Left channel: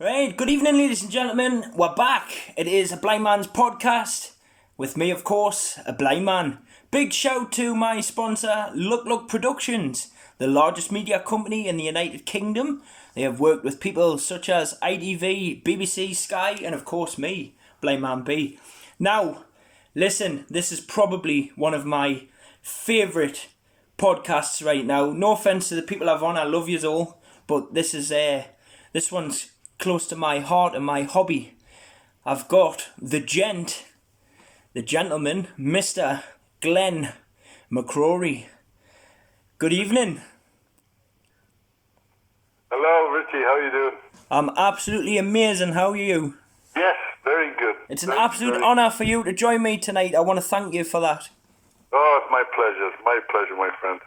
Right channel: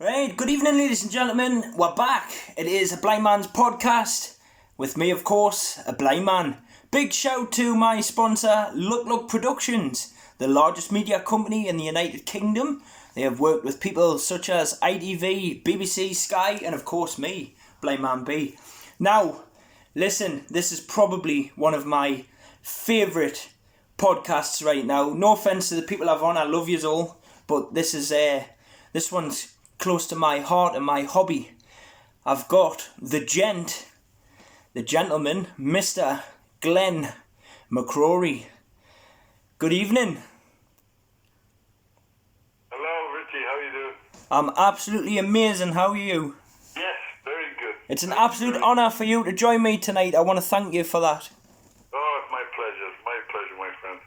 Right, good evening, ladies and gentlemen. We're back. It is a Blind Man's podcast with me, of course, a blind man. Big shout to my sponsor, Luk Luk Productions, the largest media company in the United Kingdom. They have worked with people such as ITV, BBC, Sky, and of course me, Blind Man B. Now, listen, this is probably one of my favourite podcasts right now. No offence to the people I've on, I love yous all, but this one's close to my heart and my hobby. I've got the gentleman, Mr. Glenn Mcrory. Good evening. Hello, Richie. How are you doing? I'm absolutely amazing. How are you? Yes, very good. It's an absolute honour for you to join me tonight. I want to thank you for that. Oh, it's my pleasure. It's my pleasure, my friend.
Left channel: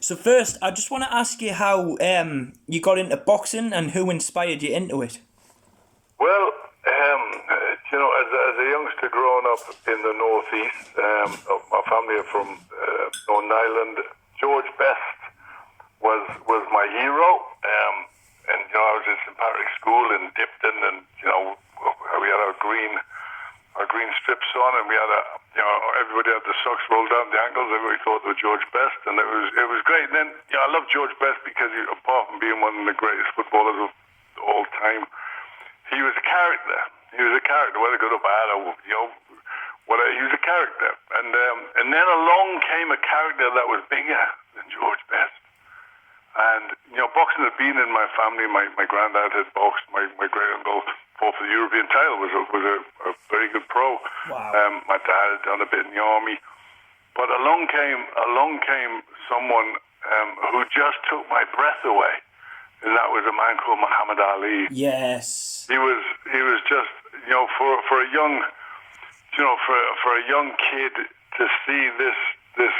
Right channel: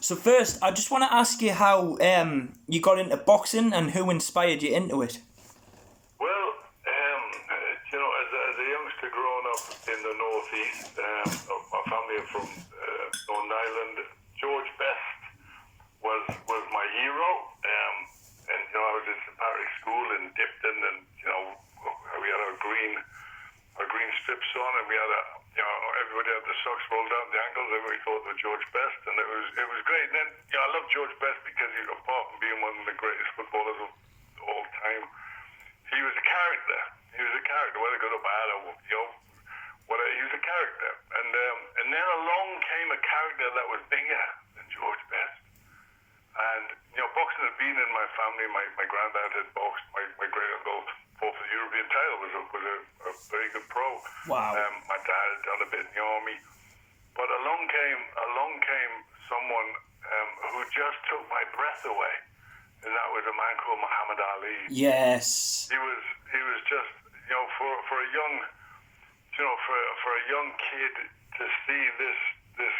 So first, I just want to ask you how you got into boxing and who inspired you into it. Well, as a youngster growing up in the northeast, my family are from Northern Ireland. George Best was my hero, and I was in St Patrick's School in Dipton, and we had our green strips on, and we had everybody had the socks rolled down the ankles. Everybody thought they were George Best, and it was great. And then I love George Best because apart from being one of the greatest footballers of all time, he was a character. He was a character, whether good or bad, or whatever. He was a character, and then along came a character that was bigger than George Best. And boxing had been in my family. My granddad had boxed. My great uncle fought for the European title. Was a very good pro. Wow. My dad had done a bit in the army, but along came someone who just took my breath away, and that was a man called Muhammad Ali. Yes. He was just for a young for a young kid to see this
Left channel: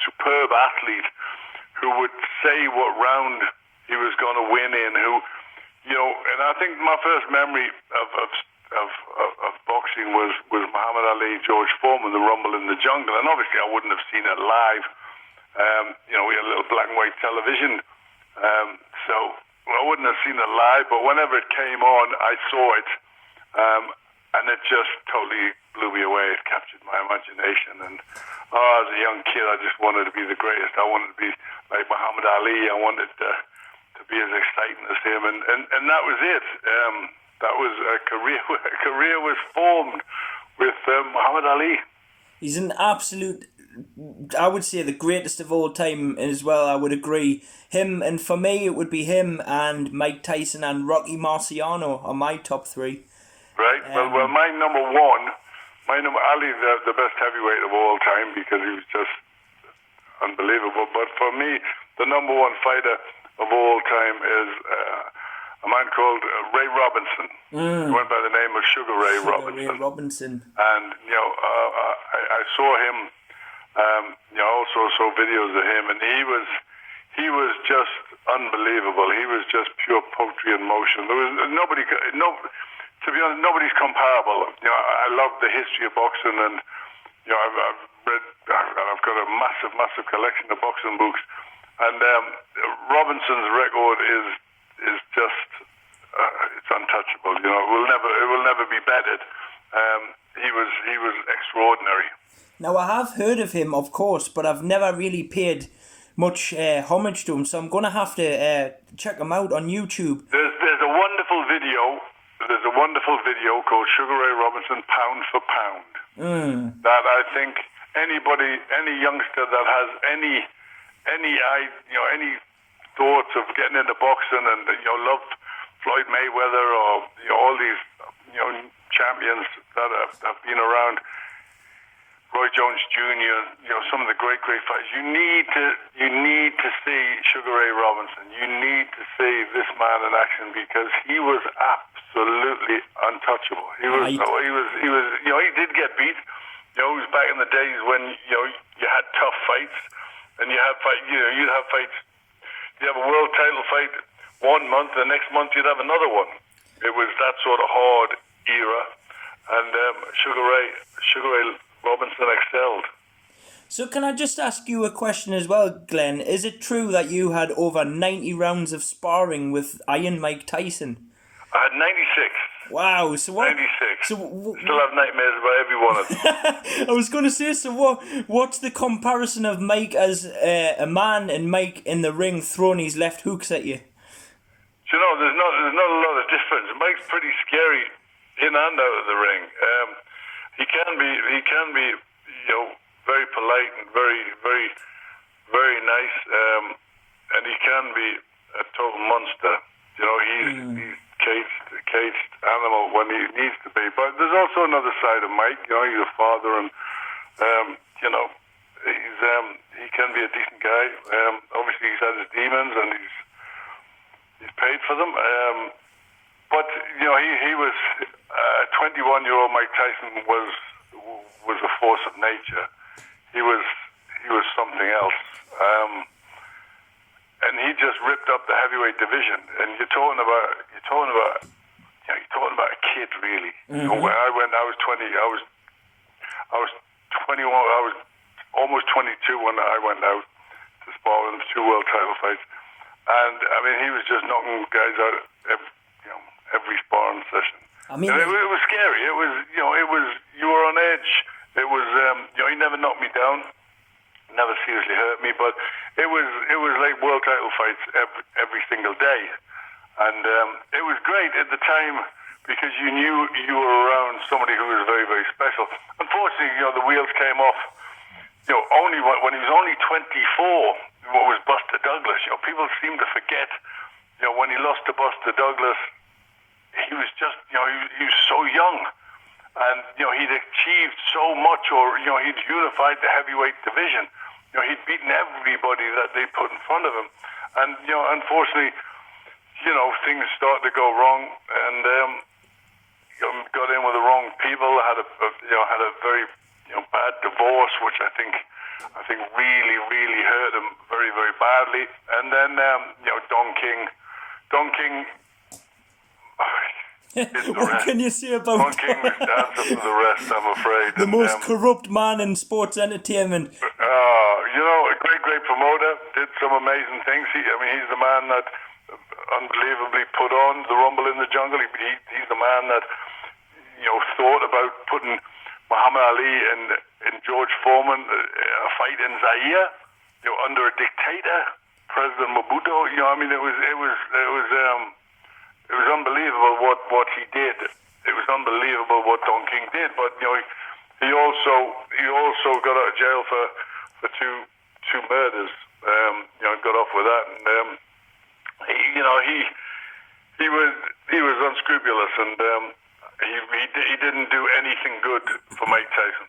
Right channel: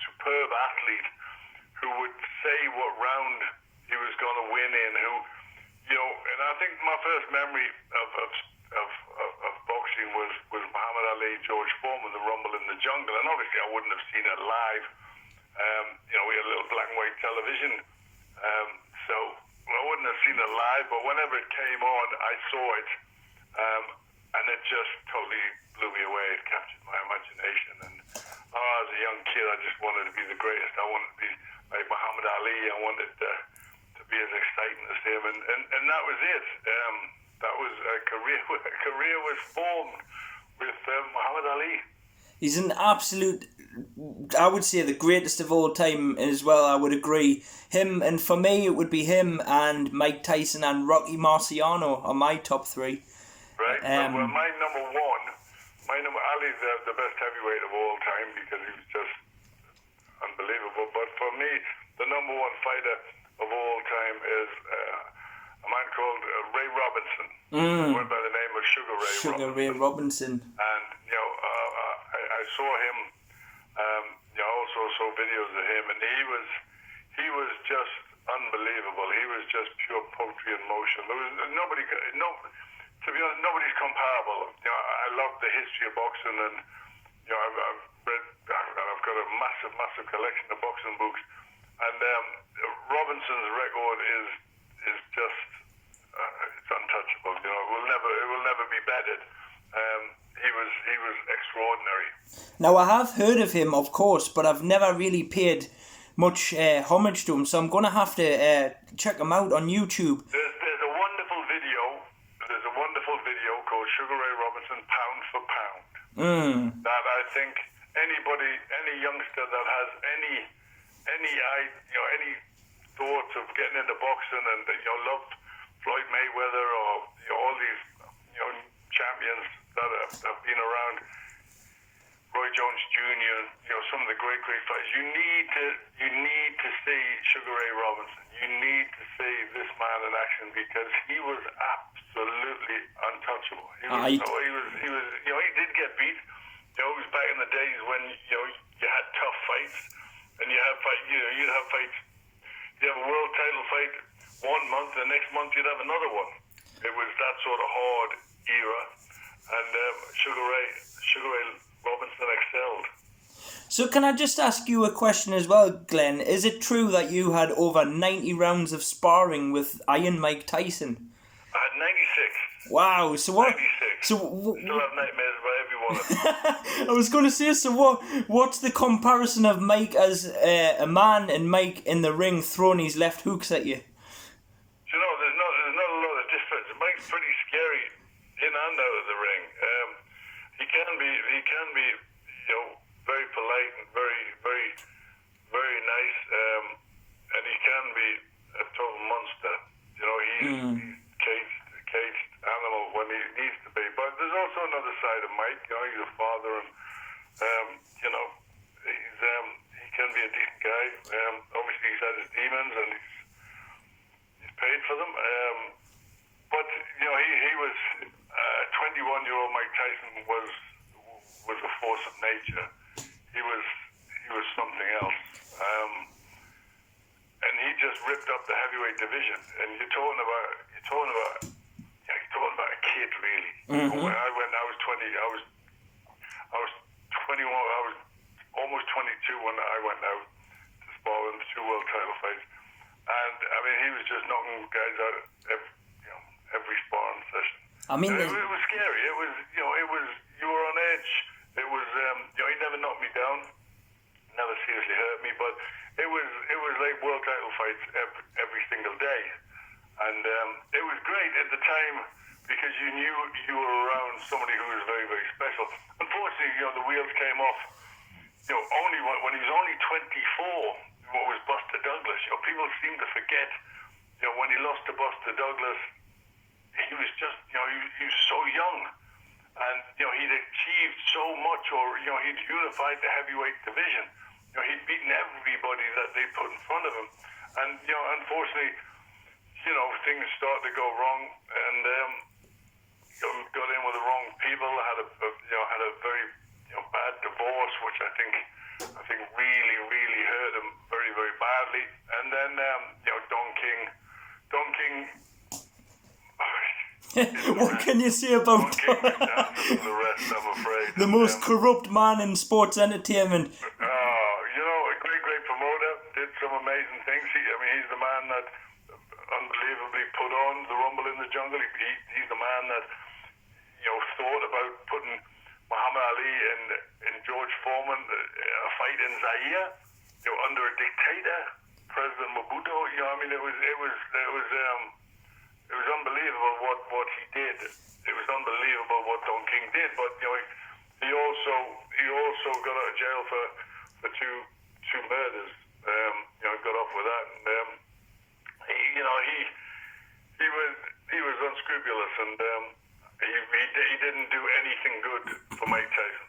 superb athlete who would say what round he was going to win in, and I think my first memory of boxing was Muhammad Ali, George Foreman, the Rumble in the Jungle, and obviously I wouldn't have seen it live. We had a little black and white television, so I wouldn't have seen it live, but whenever it came on, I saw it, and it just totally blew me away. It captured my imagination, and as a young kid, I just wanted to be the greatest. I wanted to be like Muhammad Ali. I wanted to be as exciting as him, and that was it. That was a career. A career was formed with Muhammad Ali. He's an absolute, I would say, the greatest of all time as well. I would agree. Him, and for me, it would be him and Mike Tyson and Rocky Marciano are my top three. Right. Well, my number one. Ali's the best heavyweight of all time because he was just unbelievable. But for me, the number one fighter of all time is a man called Ray Robinson. He went by the name of Sugar Ray Robinson. And I saw him. I also saw videos of him, and he was just unbelievable. He was just pure poetry in motion. There was nobody. To be honest, nobody's comparable. I love the history of boxing, and I've read. I've got a massive collection of boxing books, and Robinson's record is just it's untouchable. It will never be bettered. He was extraordinary. Now I have heard of him, of course, but I've never really paid much homage to him, so I'm gonna have to check him out on YouTube. There's a wonderful video. There's a wonderful video called Sugar Ray Robinson, Pound for Pound. That I think any youngster that has any thoughts of getting into boxing and loved Floyd Mayweather or all these champions that have been around, Roy Jones Jr., some of the great fighters. You need to see Sugar Ray Robinson. You need to see this man in action because he was absolutely untouchable. He did get beat. It was back in the days when you had tough fights, and you'd have fights. You have a world title fight 1 month, the next month you'd have another one. It was that sort of hard era, and Sugar Ray Robinson excelled. So can I just ask you a question as well, Glenn? Is it true that you had over 90 rounds of sparring with Iron Mike Tyson? I had 96. Wow. So what? 96. So Still have nightmares about every one of them. I was going to say. So what's the comparison of Mike as a man and Mike in the ring throwing his left hooks at you? You know, there's not a lot of difference. Mike's pretty scary in and out of the ring. He can be, very polite and very, very, very nice. And he can be a total monster. You know, he's caged animal when he needs to be. But there's also another side of Mike. You know, he's a father, and he can be a decent guy. Obviously, he's had his demons, and he's paid for them. But you know, he was a 21-year-old Mike Tyson was a force of nature. He was something else. And he just ripped up the heavyweight division. And you're talking about a kid, really. Mm-hmm. When I was 20. I was 21. I was almost 22 when I went out to spar in 2 world title fights. And I mean, he was just knocking guys out every sparring session. I mean, it was scary. It was you were on edge. It was he never knocked me down, never seriously hurt me, but it was like world title fights every single day, and it was great at the time because you knew you were around somebody who was very, very special. Unfortunately, the wheels came off. Only when he was only 24. What was Buster Douglas? People seem to forget. When he lost to Buster Douglas, he was just he was so young. And, he'd achieved so much, or, he'd unified the heavyweight division. He'd beaten everybody that they put in front of him. And, unfortunately, things started to go wrong, and got in with the wrong people, had a very, bad divorce, which I think really, really hurt him very, very badly. And then, Don King, what can you say about Don King is dancing for the rest, I'm afraid. The most corrupt man in sports entertainment? A great promoter, did some amazing things. He's the man that unbelievably put on the Rumble in the Jungle. He's the man that, thought about putting Muhammad Ali and George Foreman a fight in Zaire, under a dictator, President Mobutu. It was unbelievable what he did. It was unbelievable what Don King did. But he also got out of jail for two murders. Got off with that, and he was unscrupulous, and he didn't do anything good for Mike Tyson.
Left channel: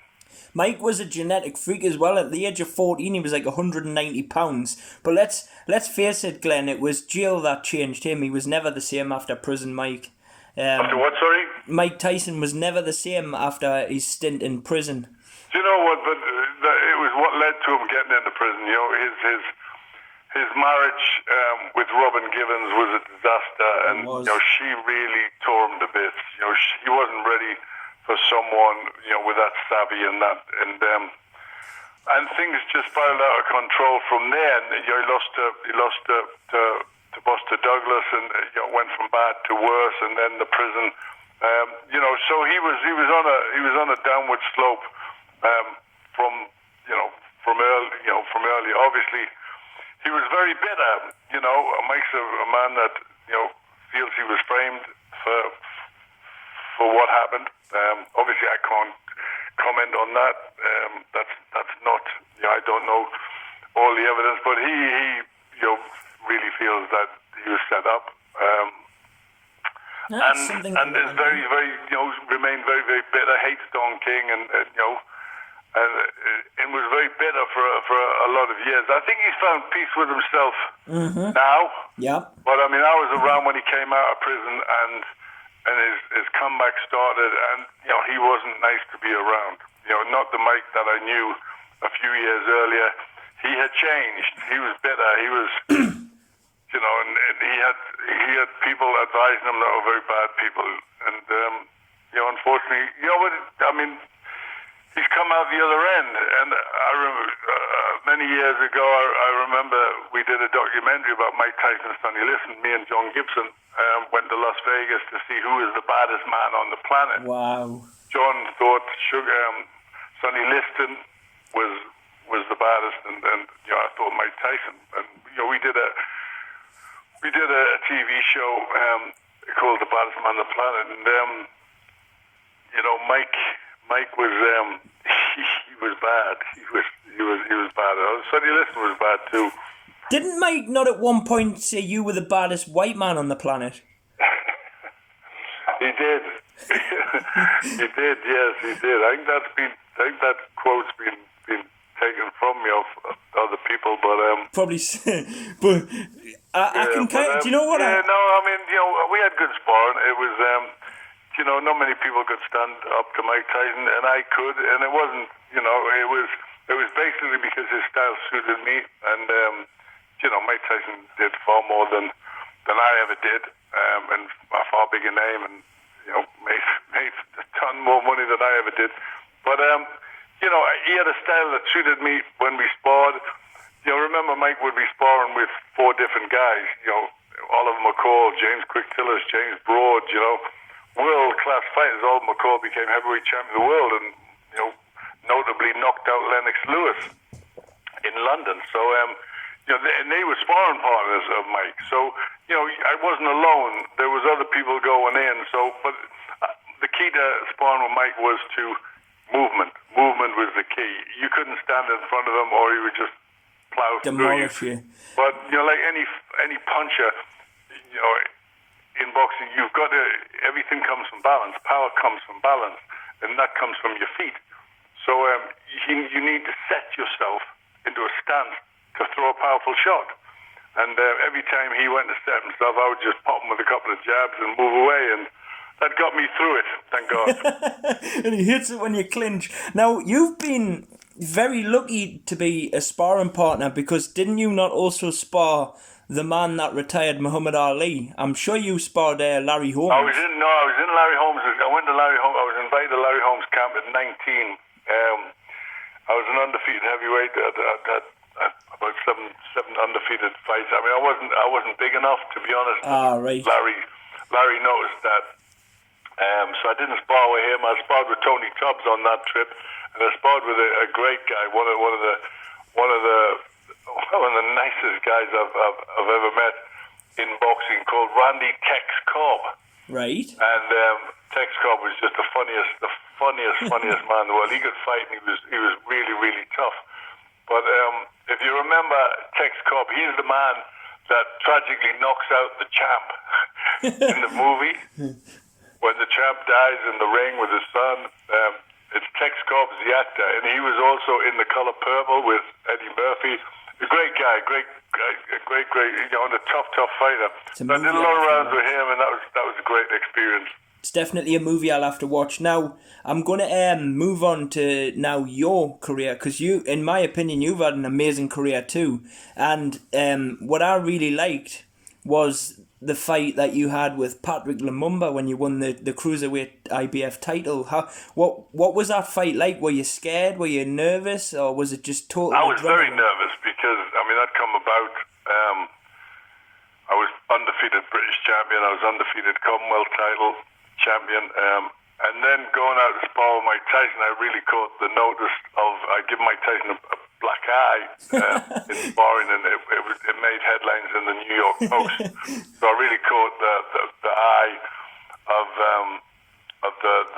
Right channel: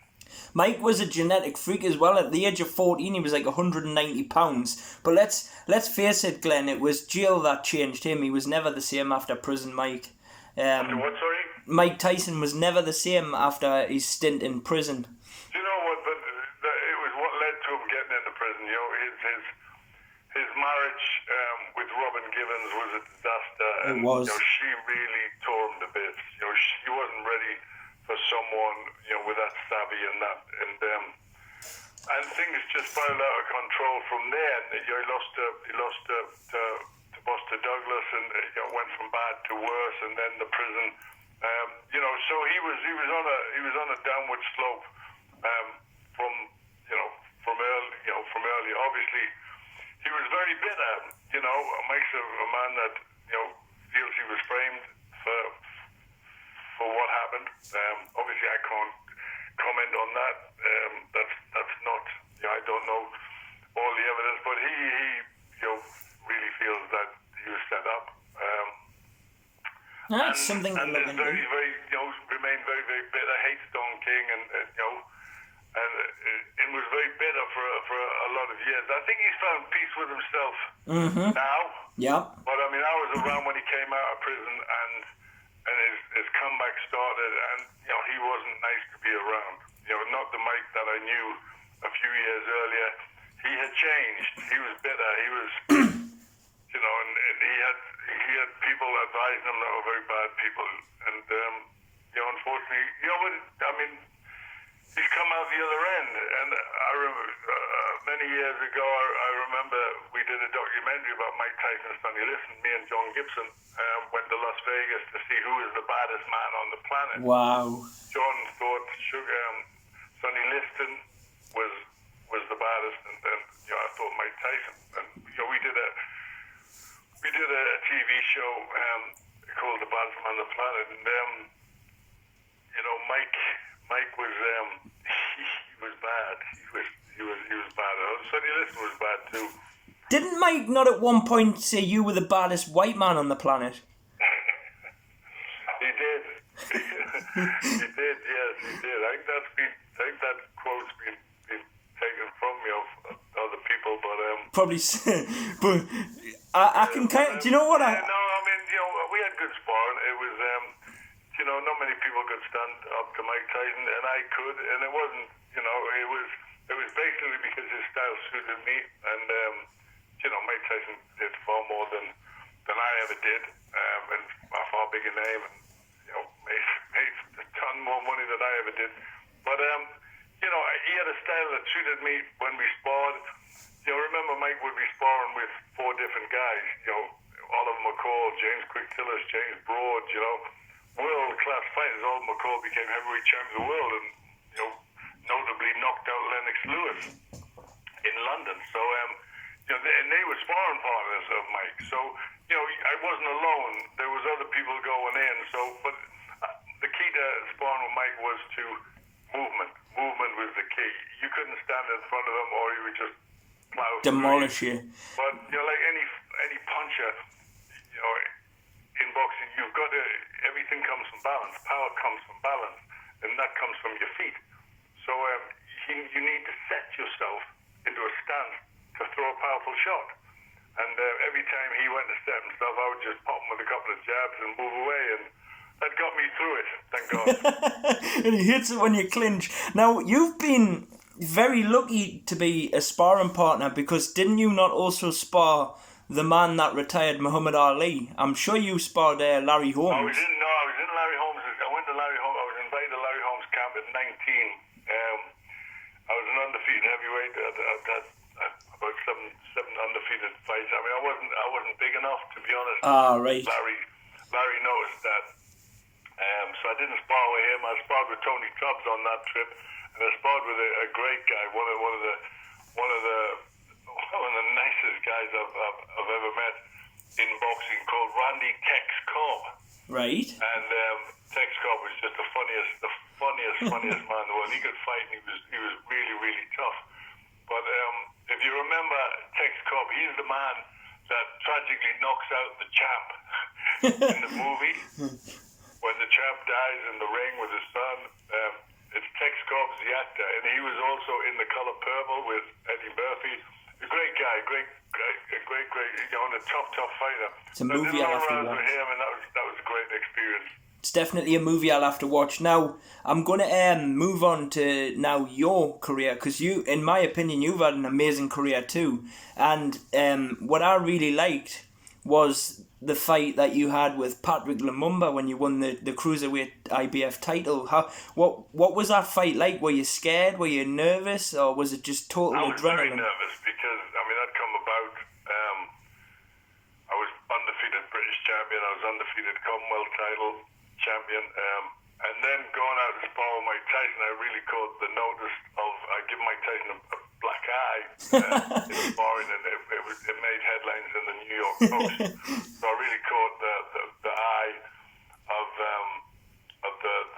Mike was a genetic freak as well. At the age of 14, he was like 190 pounds. But let's face it, Glenn, it was jail that changed him. He was never the same after prison, Mike. After what, sorry? Mike Tyson was never the same after his stint in prison. Do you know what? But it was what led to him getting into prison. His marriage with Robin Givens was a disaster, and she really tore him to bits. He wasn't ready for someone with that savvy and that, and things just spiraled out of control from there. And he lost to Buster Douglas, and went from bad to worse, and then the prison. So he was on a downward slope from early. Obviously, he was very bitter. Mike's a man that feels he was framed for what happened. Obviously, I can't comment on that. That's not. I don't know all the evidence, but he really feels that he was set up. And is very, very, remained very, very bitter. Hates Don King, and was very bitter for a lot of years. I think he's found peace with himself now. Yeah. But I was around when he came out of prison, and his comeback started, and he wasn't nice to be around. Not the Mike that I knew a few years earlier. He had changed. He was bitter. He was, and he had people advising him that were very bad people, and unfortunately, he's come out the other end. And I remember many years ago, I remember we did a documentary about Mike Tyson and Sonny Liston. Me and John Gibson went to Las Vegas to see who is the baddest man on the planet. Wow. John thought Sonny Liston was the baddest, and I thought Mike Tyson. And we did a TV show called The Baddest Man on the Planet, and Mike was he was bad. He was bad. Sonny Liston was bad too. Didn't Mike not at one point say you were the baddest white man on the planet? He did. He did. Yes, he did. I think that quote's been taken from me of other people, but probably. But I can kind of. Do you know what? No, I mean, we had good sparring. It was, not many people could stand up to Mike Tyson, and I could, and it wasn't. It was basically because his style suited me, and Mike Tyson did far more than I ever did, and a far bigger name, and made a ton more money than I ever did. But he had a style that suited me when we sparred. Remember Mike would be sparring with 4 different guys. Oliver McCall, James Quick Tillers, James Broad. World-class fighters. Oliver McCall became heavyweight champion of the world, and notably knocked out Lennox Lewis in London. So and they were sparring partners of Mike. So I wasn't alone. There was other people going in. So, but the key to sparring with Mike was to movement. Movement was the key. You couldn't stand in front of him, or he would just plow demolish through you. But like any puncher, in boxing, you've got to. Everything comes from balance. Power comes from balance, and that comes from your feet. So you need to set yourself into a stance to throw a powerful shot. And every time he went to set himself, I would just pop him with a couple of jabs and move away, and that got me through it, thank God. And he hits it when you clinch. Now, you've been very lucky to be a sparring partner, because didn't you not also spar the man that retired, Muhammad Ali? I'm sure you sparred Larry Holmes. I was in Larry Holmes. I went to Larry Holmes. I was invited to Larry Holmes' camp at 19. I was an undefeated heavyweight. About seven undefeated fights. I mean, I wasn't big enough, to be honest. Right. Larry noticed that. So I didn't spar with him. I sparred with Tony Tubbs on that trip, and I sparred with a great guy, one of the nicest guys I've ever met in boxing, called Randy Tex Cobb. Right. And Tex Cobb was just the funniest man in the world. He could fight, and he was really, really tough. But if you remember Tex Cobb, he's the man that tragically knocks out the champ in the movie. When the champ dies in the ring with his son, it's Tex Cobb, the actor, and he was also in The Color Purple with Eddie Murphy. A great guy, great, and a tough fighter. So I did a lot of rounds with him, and that was a great experience. It's definitely a movie I'll have to watch. Now, I'm going to move on to now your career, because you, in my opinion, you've had an amazing career too. And what I really liked was the fight that you had with Patrick Lumumba when you won the cruiserweight IBF title. What was that fight like? Were you scared? Were you nervous? Or was it just total adrenaline? I was very nervous because, that come about. I was undefeated British champion. I was undefeated Commonwealth title champion. And then going out to spar with Mike Tyson, I really caught the notice of, I give Mike Tyson a black eye in sparring, and it made headlines in the New York Post. So I really caught the eye of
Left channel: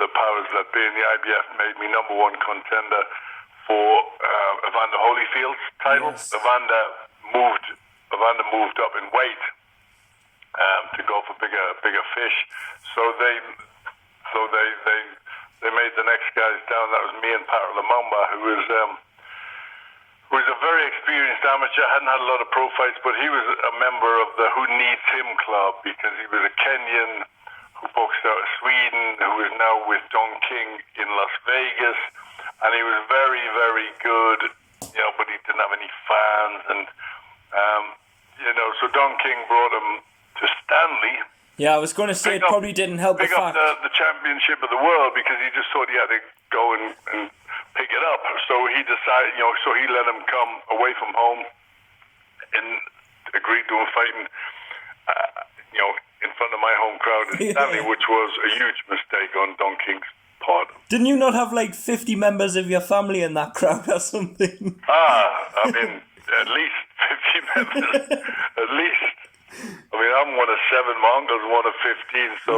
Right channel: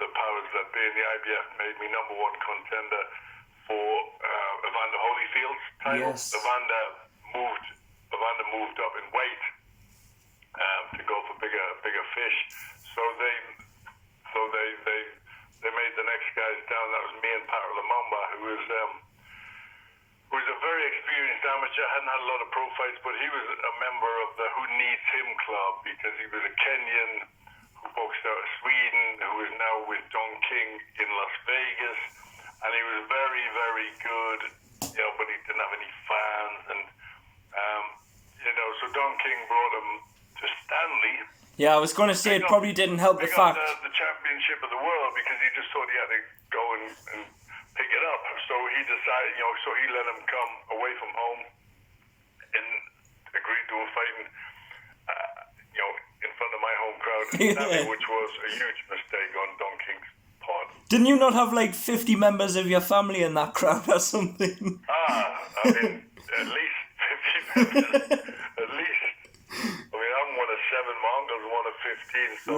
the powers that be, and the IBF made me #1 contender for Evander Holyfield's title. Yes. Evander moved up in weight to go for bigger fish. So they made the next guys down. That was me and Patrick Lumumba, who was a very experienced amateur. Hadn't had a lot of pro fights, but he was a member of the Who Needs Him club, because he was a Kenyan who boxed out of Sweden, who is now with Don King in Las Vegas, and he was very, very good, but he didn't have any fans, and so Don King brought him to Stanley. Yeah, I was going to say it probably didn't help the fact. The championship of the world, because he just thought he had to go and he decided, so he let him come away from home and agreed to him fighting, in front of my home crowd in Stanley, which was a huge mistake on Don King's part. Didn't you not have like 50 members of your family in that crowd or something? I mean, at least 50 members. At least. I mean, I'm one of 7, my uncle's one of 15, so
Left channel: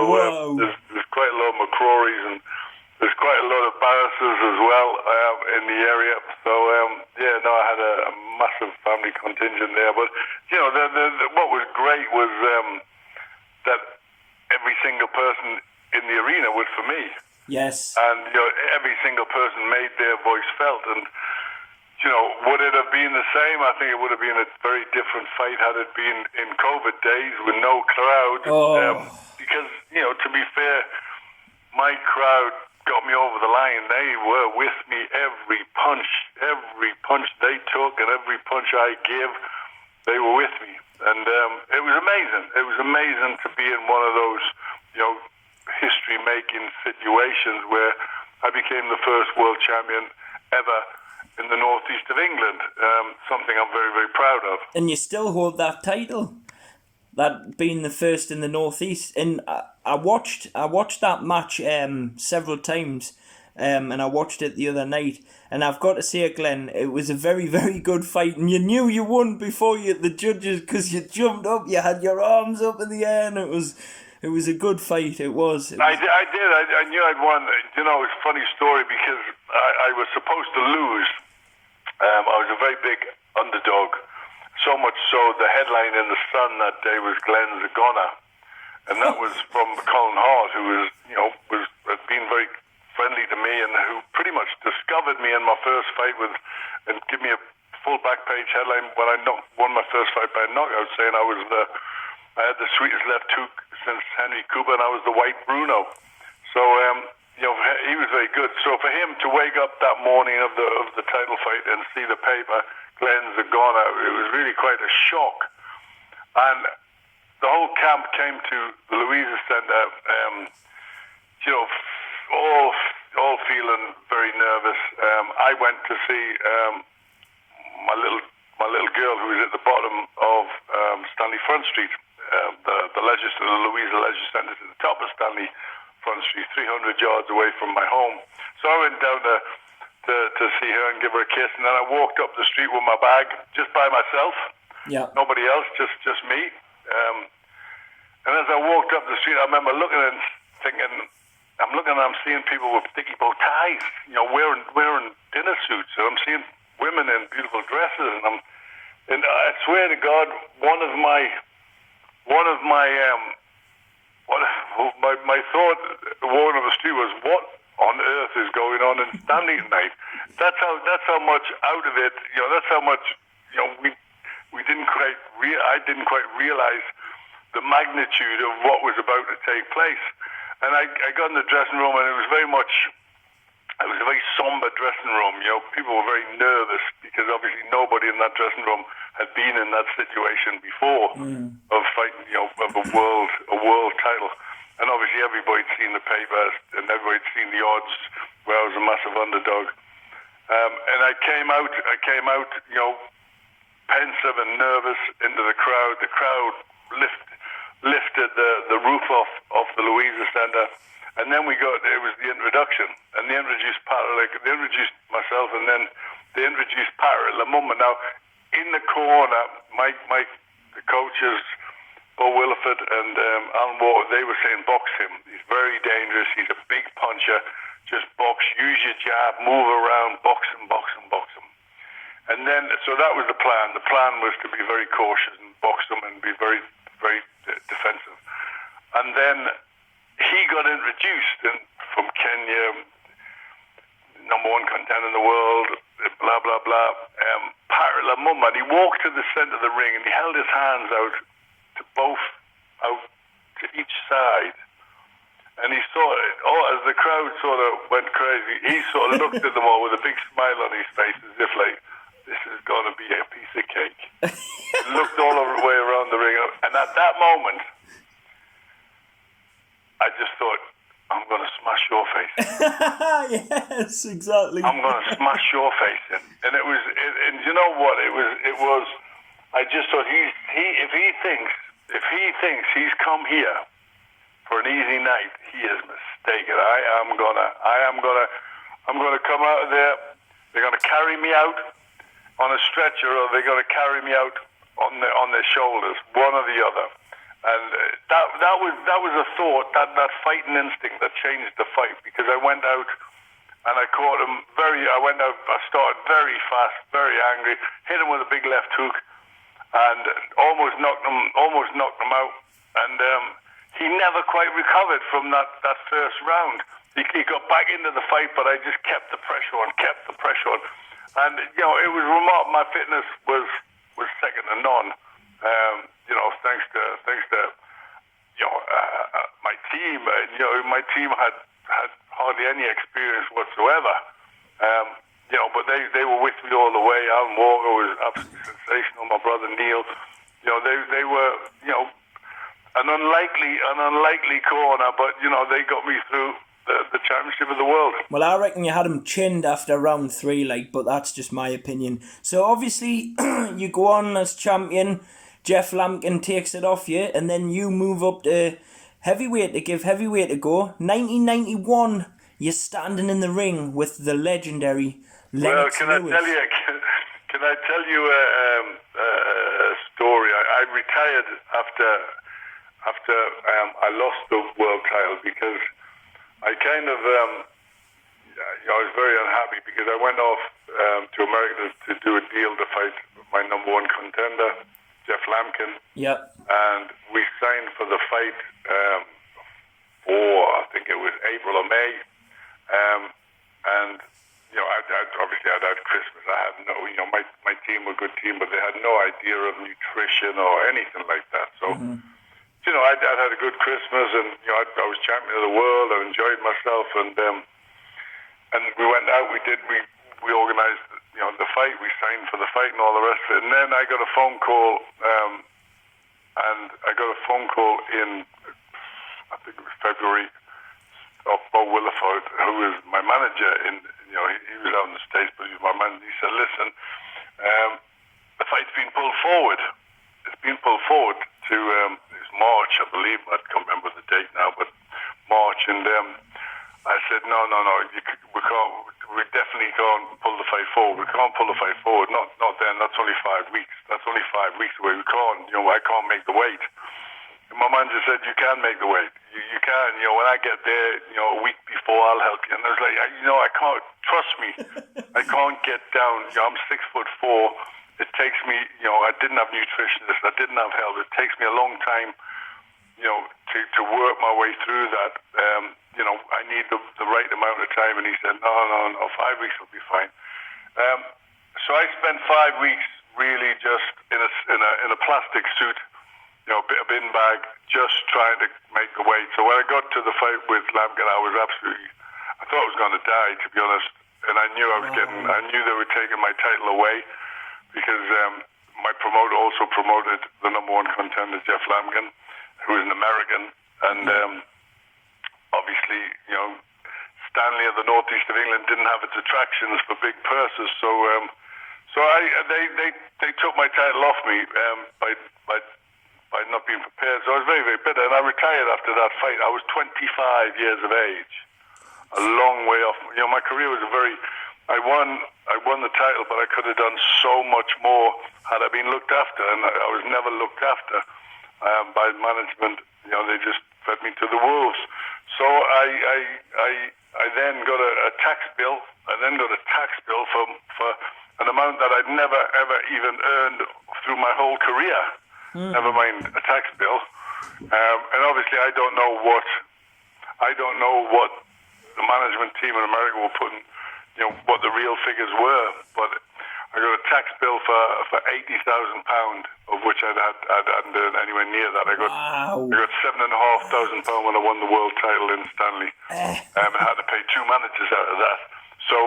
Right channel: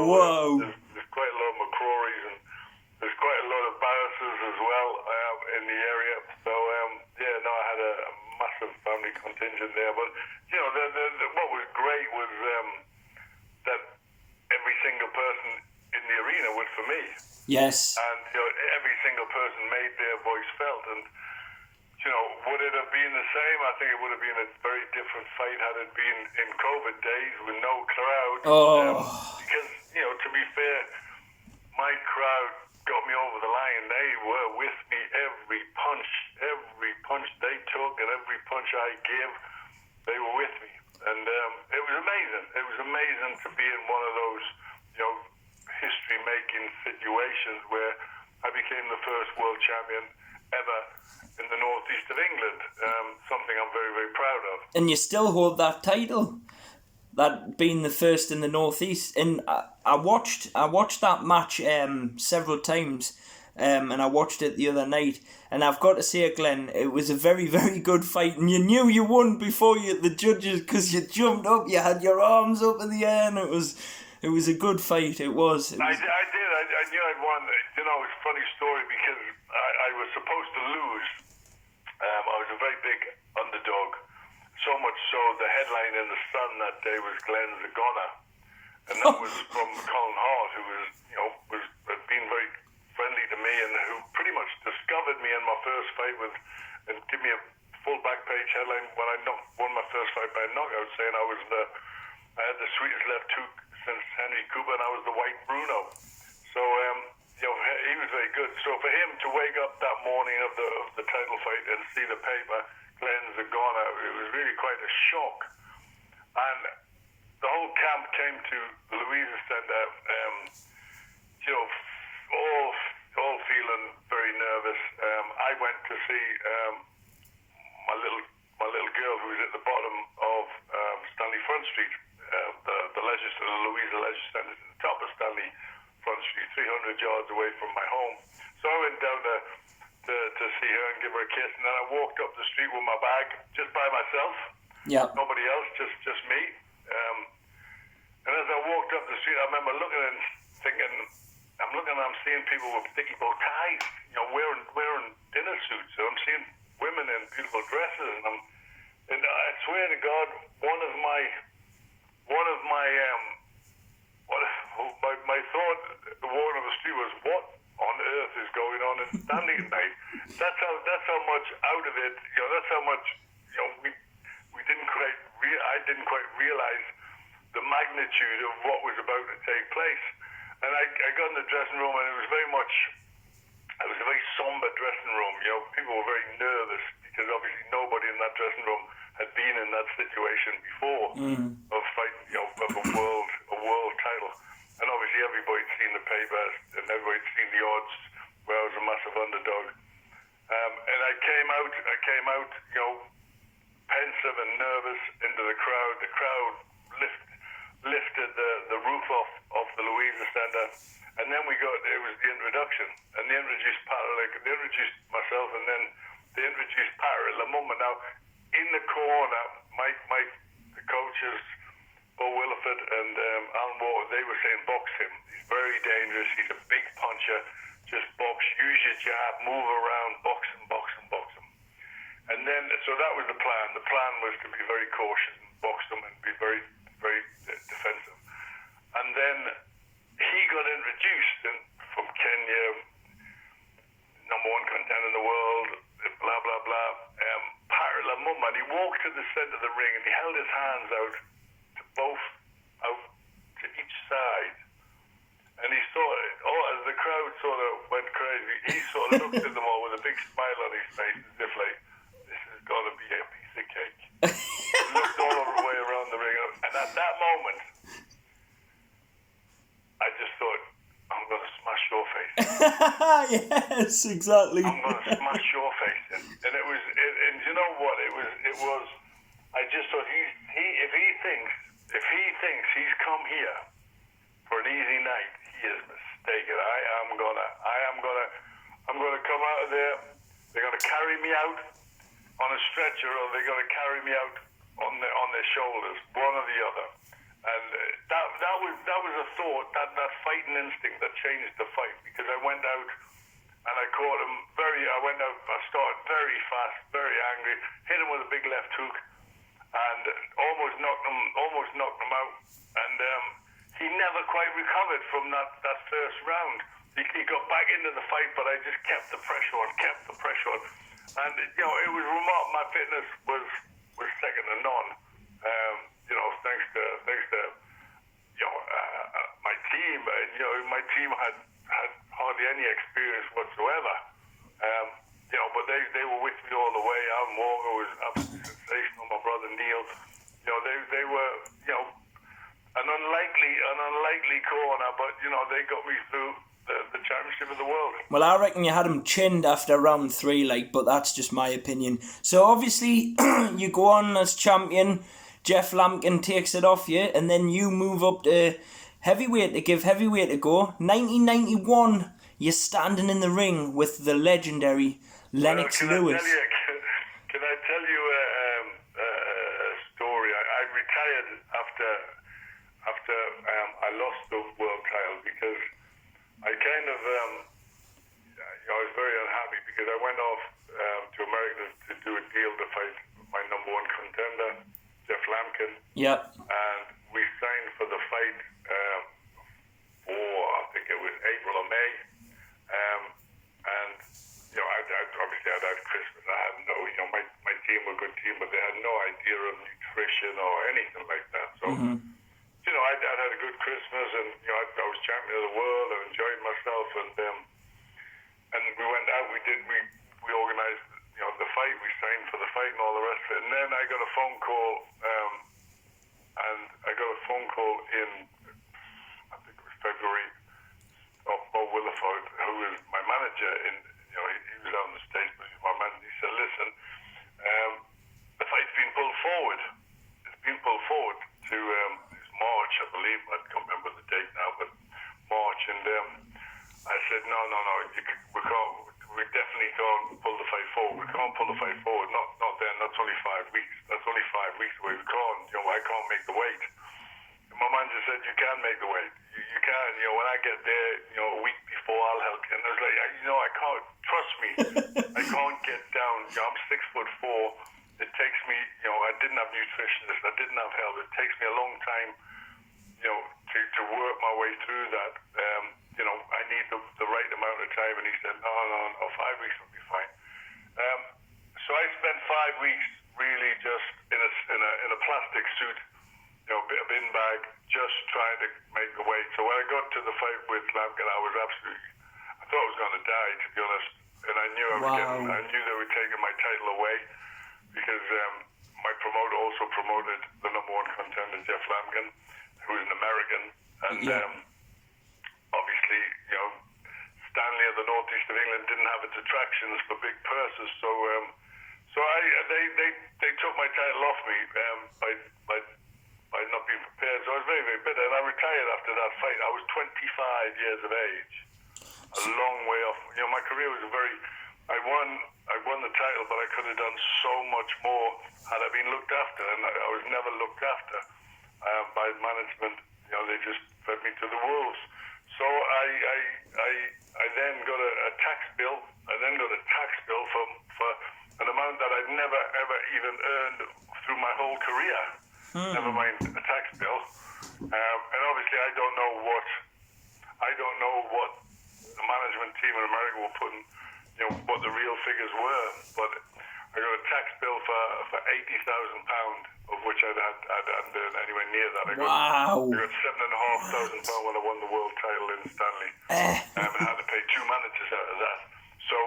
there's quite a lot of Mcrorys, and there's quite a lot of barristers as well in the area. So, I had a massive family contingent there. But, what was great was that every single person in the arena was for me. Yes. And, every single person made their voice felt. And, would it have been the same? I think it would have been a very different fight had it been in COVID days with no crowd. Because, to be fair, my crowd got me over the line. They were with me every punch they took and every punch I gave, they were with me. And it was amazing. It was amazing to be in one of those, history-making situations where I became the first world champion ever in the northeast of England. Something I'm very, very proud of. And you still hold that title, that being the first in the northeast. And I watched that match several times, and I watched it the other night. And I've got to say, Glenn, it was a very, very good fight. And you knew you won before the judges, because you jumped up, you had your arms up in the air, and it was a good fight. It was. I did. I knew I'd won. It's a funny story because I was supposed to lose. I was a very big underdog. So much so, the headline in the Sun that day was Glenn Zagona, and that was from Colin Hart, who had been very friendly to me and who pretty much discovered me in my first fight and give me a full back page headline when I won my first fight by knockout, saying I had the sweetest left hook since Henry Cooper, and I was the white Bruno. So he was very good. So for him to wake up that morning of the title fight and see the paper, Glenn Zagona, it was really quite a shock. And the whole camp came to the Louisa Centre, all feeling very nervous. I went to see my little girl, who was at the bottom of Stanley Front Street, the Louisa Leisure Centre, at the top of Stanley Front Street, 300 yards away from my home. So I went down to see her and give her a kiss, and then I walked up the street with my bag, just by myself. Yeah. Nobody else, just me. And as I walked up the street, I remember looking and thinking, I'm seeing people with sticky bow ties, wearing dinner suits. And I'm seeing women in beautiful dresses, and I swear to God, my thought walking up the street was, what on earth is going on in Stanley tonight? That's how much out of it. That's how much. We didn't quite. I didn't quite realize the magnitude of what was about to take place. And I got in the dressing room, and it was a very somber dressing room. People were very nervous because obviously nobody in that dressing room had been in that situation before of fighting, of a world title. And obviously everybody'd seen the papers and everybody'd seen the odds where I was a massive underdog. And I came out, pensive and nervous into the crowd. The crowd lifted the roof off the Louisa Centre, and then it was the introduction, and they introduced myself, and then they introduced Pat Lamumba. Now, in the corner, the coaches, Bo Williford and Alan Walker, they were saying, box him. He's very dangerous. He's a big puncher. Just box, use your jab, move around, box him. And then, so that was the plan. The plan was to be very cautious and box him and be very, very defensive. And then he got introduced from Kenya, #1 contender in the world, blah, blah, blah. Pat Lamumba, and he walked to the center of the ring and he held his hands out to each side. And he saw it, as the crowd sort of went crazy, he sort of looked at them all with a big smile on his face as if like, this is going to be a piece of cake. Looked all the way around the ring. And at that moment, I just thought, I'm going to smash your face. Yes, exactly. I'm going to smash your face in. And it was, and you know what? It was. I just thought if he thinks he's come here for an easy night, he is mistaken. I'm gonna come out of there. They're gonna carry me out on a stretcher, or they're gonna carry me out on their shoulders, one or the other. And that was a thought, that fighting instinct that changed the fight, because I went out and I caught him I started very fast, very angry, hit him with a big left hook, and almost knocked him out. And he never quite recovered from that first round. He got back into the fight, but I just kept the pressure on. And it was remarkable. My fitness was second to none. Thanks to my team. My team had hardly any experience whatsoever. But they were with me all the way. Alan Walker was absolutely sensational. My brother Neil, they were, an unlikely corner, but they got me through the championship of the world. Well, I reckon you had him chinned after round 3, but that's just my opinion. So obviously, you go on as champion. Jeff Lampkin takes it off you, and then you move up to heavyweight to give heavyweight a go. 1991, you're standing in the ring with the legendary Lennox Lewis. Can I tell you a story? I retired after I lost the world title, because I kind of I was very unhappy, because I went off to America to do a deal to fight my number one contender, Jeff Lampkin. Yep. And we signed for the fight for, I think it was April or May. And I'd had Christmas. I had my team were a good team, but they had no idea of nutrition or anything like that. So, I'd had a good Christmas, and I was champion of the world. I enjoyed myself, and we went out. We organized the fight. We signed for the fight and all the rest of it. And then I got a phone call, in, I think it was February, of Bo Williford, who was my manager he was out in the States, but he was my manager. He said, listen, the fight's been pulled forward. It's been pulled forward to it's March, I believe. I can't remember the date now, but March. And I said, no, we definitely can't pull the fight forward. We can't pull the fight forward. Not then. That's only 5 weeks. That's only 5 weeks away. We can't. I can't make the weight. And my manager said, you can make the weight. You can. When I get there, a week before, I'll help you. And I was like, I can't. Trust me, I can't get down. I'm 6'4". It takes me. I didn't have nutritionists. I didn't have help. It takes me a long time. To work my way through that. I need the right amount of time. And he said, no, 5 weeks will be fine. So I spent 5 weeks really just in a plastic suit. A bin bag, just trying to make the weight. So when I got to the fight with Lampkin, I thought I was going to die, to be honest. And I knew I knew they were taking my title away, because my promoter also promoted the number one contender, Jeff Lampkin, who is an American. And obviously, Stanley of the northeast of England didn't have its attractions for big purses. So they took my title off me by not being prepared. So I was very, very bitter, and I retired after that fight. I was 25 years of age, a long way off. My career was I won the title, but I could have done so much more had I been looked after, and I was never looked after by management. They just fed me to the wolves. So I then got a tax bill. For an amount that I'd never ever even earned through my whole career. Never mind a tax bill. And obviously I don't know what the management team in America were putting, what the real figures were. But I got a tax bill for £80,000, of which I hadn't earned anywhere near that. I got £7,500 when I won the world title in Stanley. And I had to pay 2 managers out of that. So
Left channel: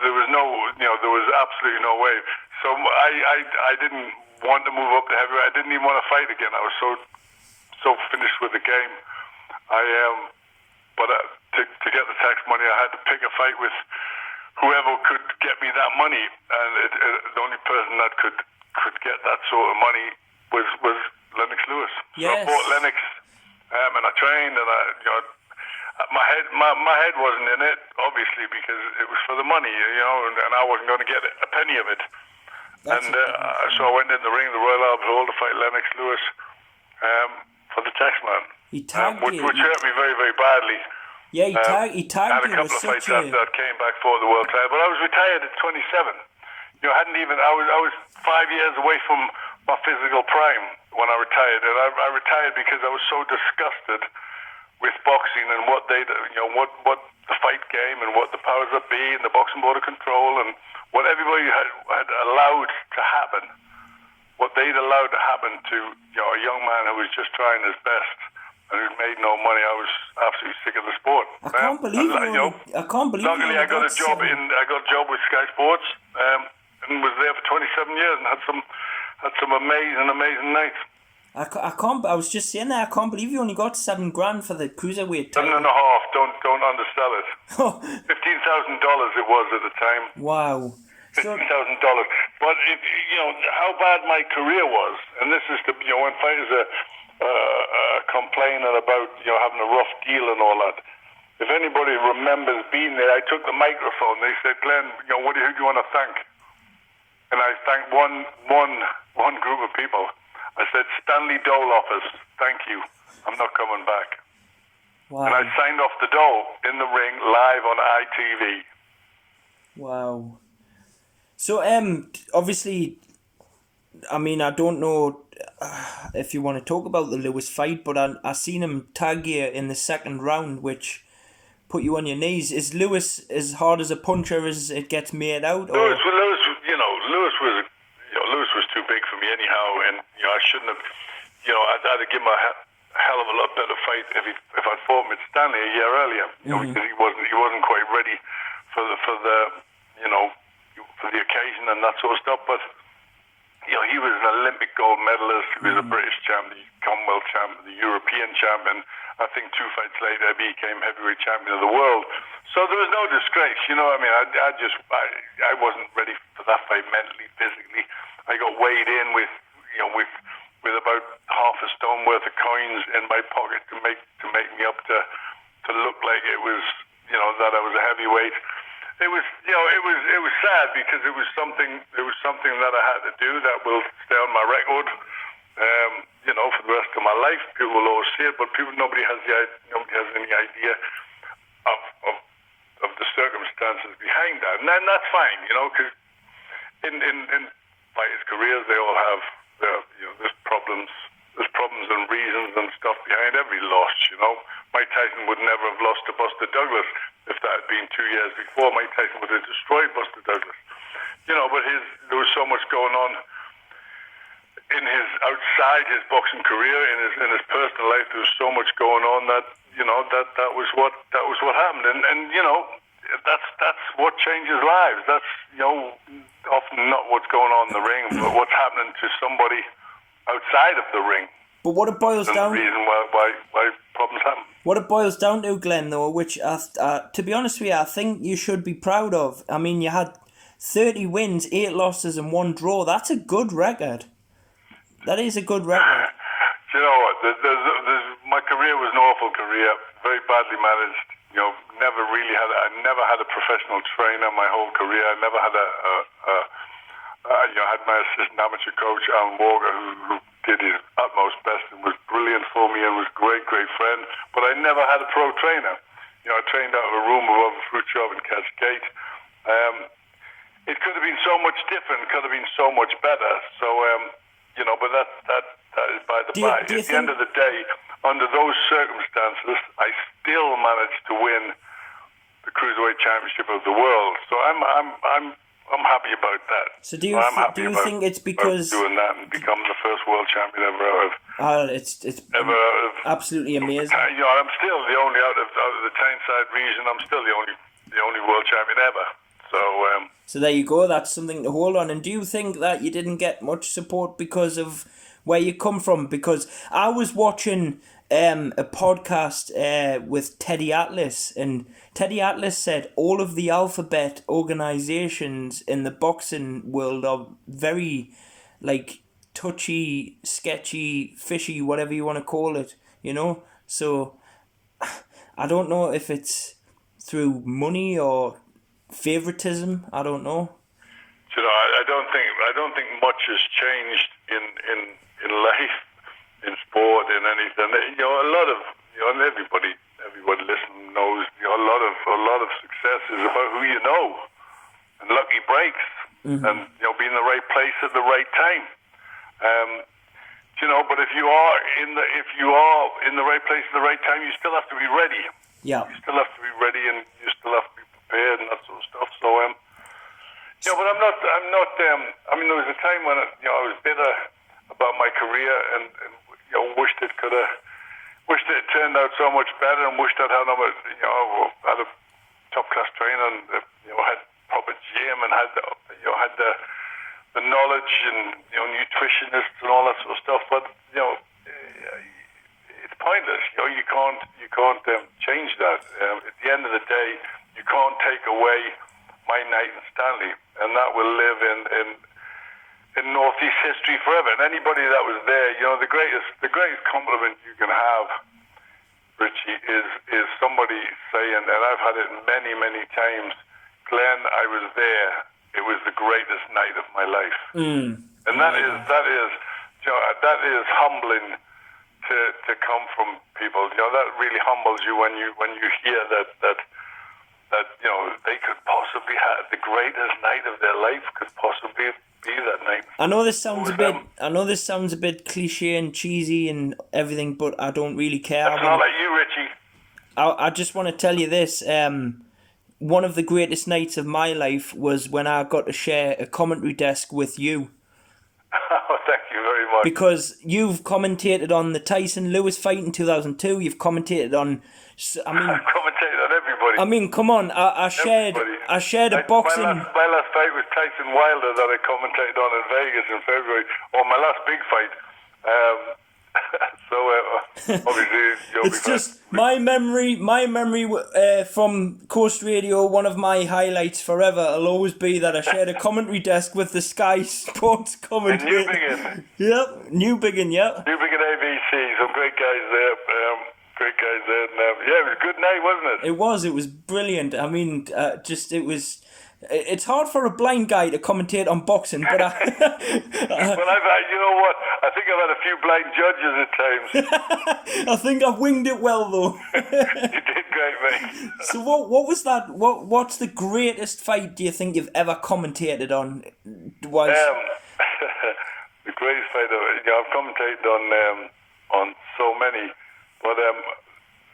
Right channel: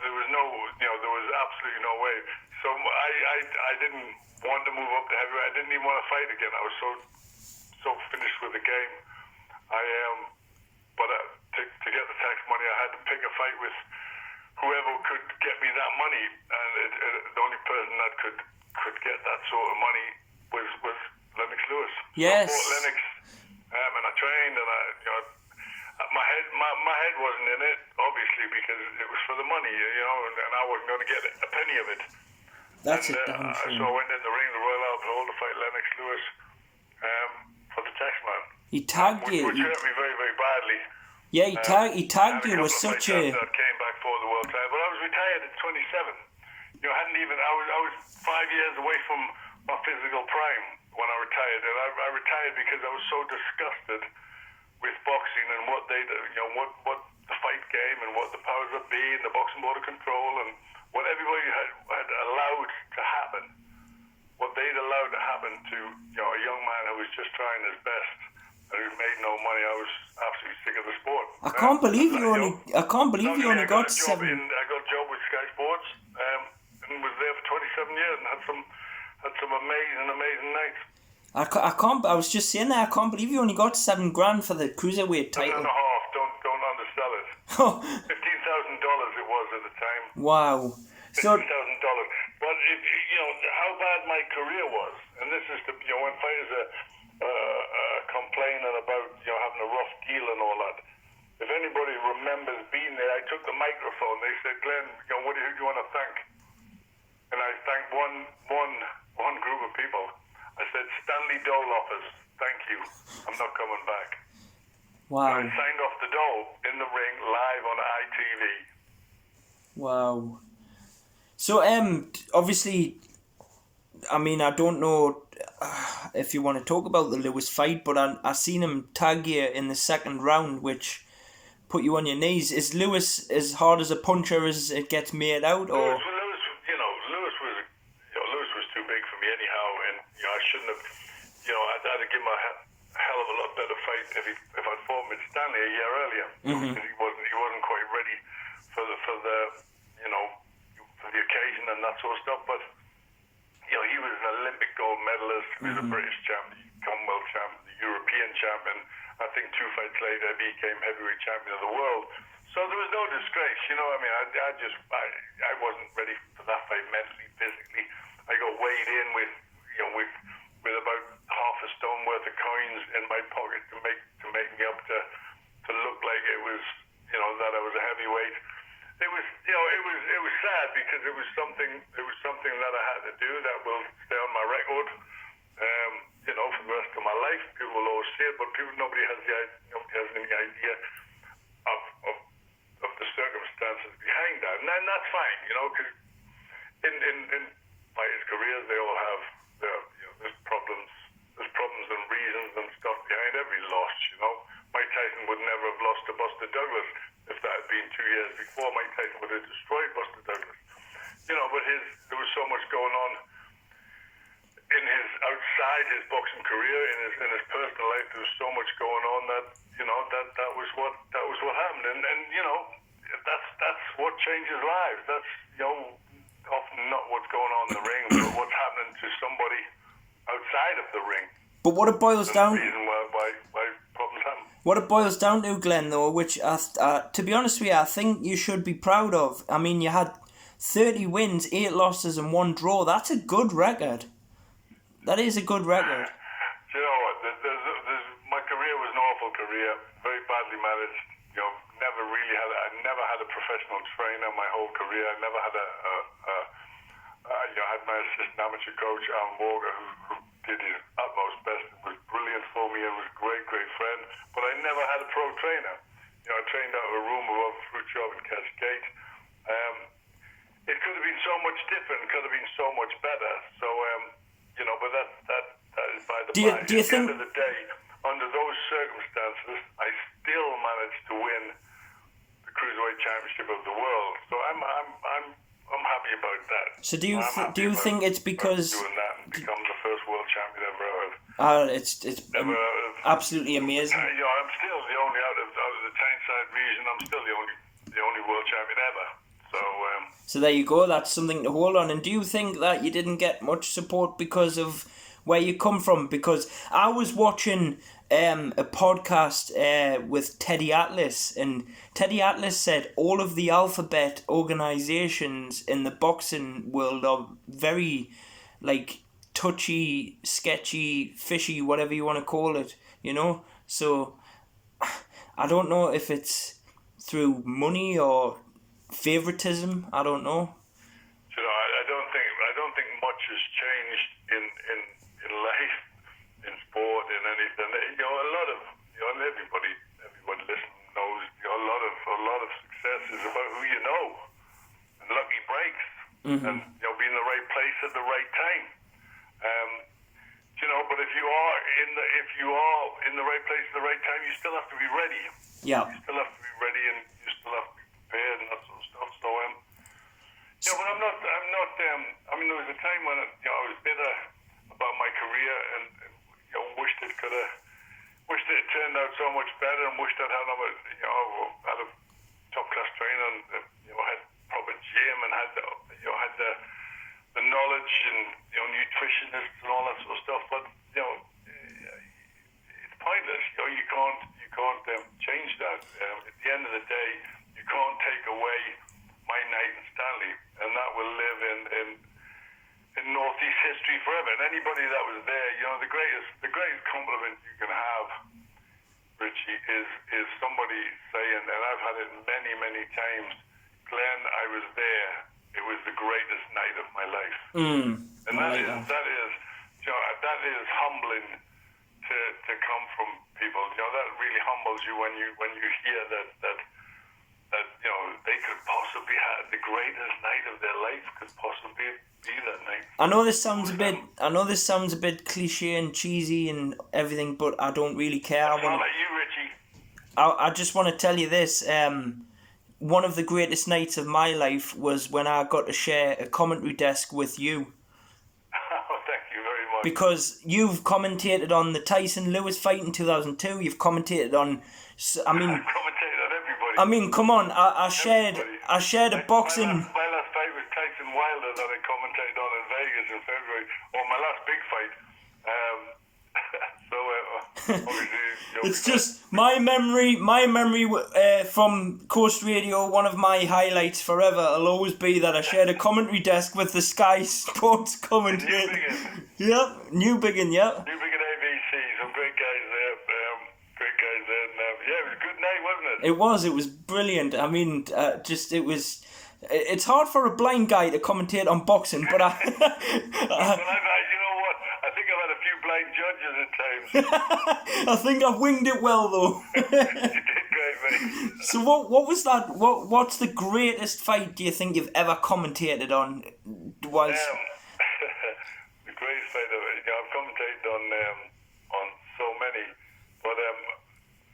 there was there was absolutely no way. So I didn't want to move up to heavyweight. I didn't even want to fight again. I was so finished with the game. But to get the tax money, I had to pick a fight with whoever could get me that money, and the only person that could get that sort of money was Lennox Lewis. Yes. So I bought Lennox, and I trained, and my head wasn't in it, obviously, because it was for the money, and I wasn't going to get a penny of it. So I went in the ring, the Royal Albert Hall, to fight Lennox Lewis for the Taxman. He tagged you. Which hurt me very, very badly. Yeah, he tagged you with such a... that came back for the world title, but I was retired at 27. I was 5 years away from my physical prime when I retired, and I retired because I was so disgusted with boxing and what what the fight game and what the powers that be and the boxing board of control and what everybody had allowed to happen, what they'd allowed to happen to a young man who was just trying his best and who made no money. I was absolutely sick of the sport. I can't believe you only got a job I got a job with Sky Sports and was there for 27 years and had some amazing nights. I was just saying that, I can't believe you only got $7,000 for the cruiserweight title. 7.5. Don't undersell it. $15,000 it was at the time. Wow. $15,000. But how bad my career was, and this is when fighters are complaining about having a rough deal and all that. If anybody remembers being there, I took the microphone. They said, "Glenn, who do you want to thank?" And I thanked one group of people. I said, "Stanley Dole-offers, thank you. I'm not coming back." Wow. And I signed off the Dole in the ring live on ITV. Wow. So obviously, I mean, I don't know if you want to talk about the Lewis fight, but I seen him tag you in the second round, which put you on your knees. Is Lewis as hard as a puncher as it gets made out? Or? Lewis was too big for me anyhow, and I shouldn't have. I'd have given him a hell of a lot better fight if I'd fought him at Stanley a year earlier. Because he wasn't quite ready for the occasion and that sort of stuff. But he was an Olympic gold medalist. He was a British champion, Commonwealth champion, the European champion. I think 2 fights later he became heavyweight champion of the world. So there was no disgrace. I wasn't ready for that fight mentally, physically. I got weighed in with about half a stone worth of coins in my pocket to make me up to look like it was that I was a heavyweight. It was sad because it was something that I had to do that will stay on my record for the rest of my life. People will always see it, but nobody has any idea of the circumstances behind that, and then that's fine, because in fighters' careers they all have there's problems and reasons and stuff behind every loss. Mike Tyson would never have lost to Buster Douglas if that had been 2 years before. Mike Tyson would have destroyed Buster Douglas. But there was so much going on in his outside his boxing career, in his personal life. There was so much going on that that was what happened, and that's what changes lives. That's often not what's going on in the ring, but what's happening to somebody outside of the ring. But what it boils down, the reason why problems happen. What it boils down to, Glenn, though, which to be honest with you, I think you should be proud of. I mean, you had 30 wins, 8 losses, and 1 draw. That's a good record. That is a good record. Do you know what? My career was an awful career, very badly managed. I never had a professional trainer my whole career. I never had I had my assistant amateur coach, Alan Walker, who did his utmost best and was brilliant for me and was a great friend. But I never had a pro trainer. I trained out of a room above a fruit shop in Cascade. It could have been so much different. Could have been so much better. So, but that is by the by. At the end of the day, under those circumstances, I still managed to win the Cruiserweight Championship of the world. So I'm happy about that. So do you think it's because doing that and become the first world champion ever? It's absolutely amazing. I'm still the only out of the Tyneside region. I'm still the only world champion ever. So there you go. That's something to hold on. And do you think that you didn't get much support because of where you come from? Because I was watching a podcast with Teddy Atlas, and Teddy Atlas said all of the alphabet organizations in the boxing world are very, like, touchy, sketchy, fishy, whatever you want to call it, you know? So I don't know if it's through money or favoritism. I don't know. You know, I don't think much has changed in life, in sport, in anything. You know, a lot of, you know, and everybody listening knows, you know, a lot of success is about who you know and lucky breaks, and, you know, being in the right place at the right time. You know, but if you are in the right place at the right time, you still have to be ready. Yeah. You still have to be ready, and you still have to be prepared and that sort of stuff. So, yeah, but I'm not. I mean, there was a time when I was bitter about my career, and you know, wished it had turned out so much better, and wished I'd had a top class trainer, and you know, had proper gym, and had the knowledge, and you know, nutritionists and all that sort of stuff. But you know, it's pointless. You know, you can't change that. At the end of the day, you can't take away my night in Stanley, and that will live in Northeast history forever. And anybody that was there, you know, the greatest compliment you can have, Richie, is somebody saying, and I've had it many times, Glenn, I was there. It was the greatest night of my life. And that is you know, that is humbling to come from people. You know, that really humbles you when you hear that you know, they could possibly have the greatest night of their life, could possibly be that night. I know this sounds a bit cliche and cheesy and everything, but I don't really care. That's not like you, Richie. I just want to tell you this. One of the greatest nights of my life was when I got to share a commentary desk with you. Oh, thank you very much. Because you've commentated on the Tyson Lewis fight in 2002. You've commentated on. I've commentated on everybody. I mean, come on. I shared a boxing. My last fight was Tyson Wilder that I commentated on in Vegas in February. Or my last big fight. Obviously, it's just my memory from Coast Radio. One of my highlights forever will always be that I shared a commentary desk with the Sky Sports commentator. Newbiggin, yeah. Newbiggin ABC, some great guys there. And, yeah, it was a good night, wasn't it? It was brilliant. I mean, it's hard for a blind guy to commentate on boxing, but well, you know what? I think I've had a few blind judges at times. I think I've winged it well, though. You did great, mate. So what was that? What's the greatest fight do you think you've ever commentated on? The greatest fight I've commentated on so many, but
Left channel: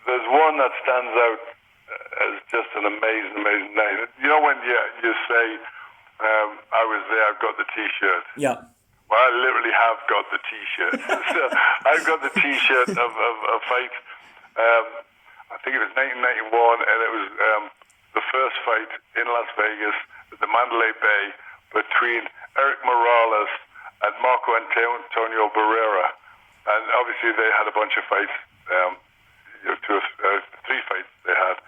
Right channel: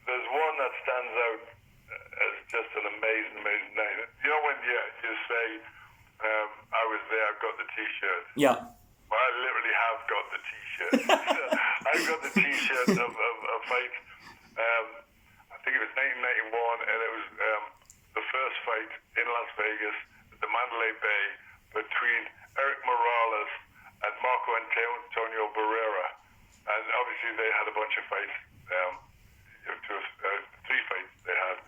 there's one that stands out as just an amazing night. You know when you say, I was there, I've got the T-shirt. Yeah. Well, I literally have got the T-shirt. So I've got the T-shirt of a fight. I think it was 1991, and it was the first fight in Las Vegas at the Mandalay Bay between Eric Morales and Marco Antonio Barrera. And obviously they had a bunch of fights, three fights they had.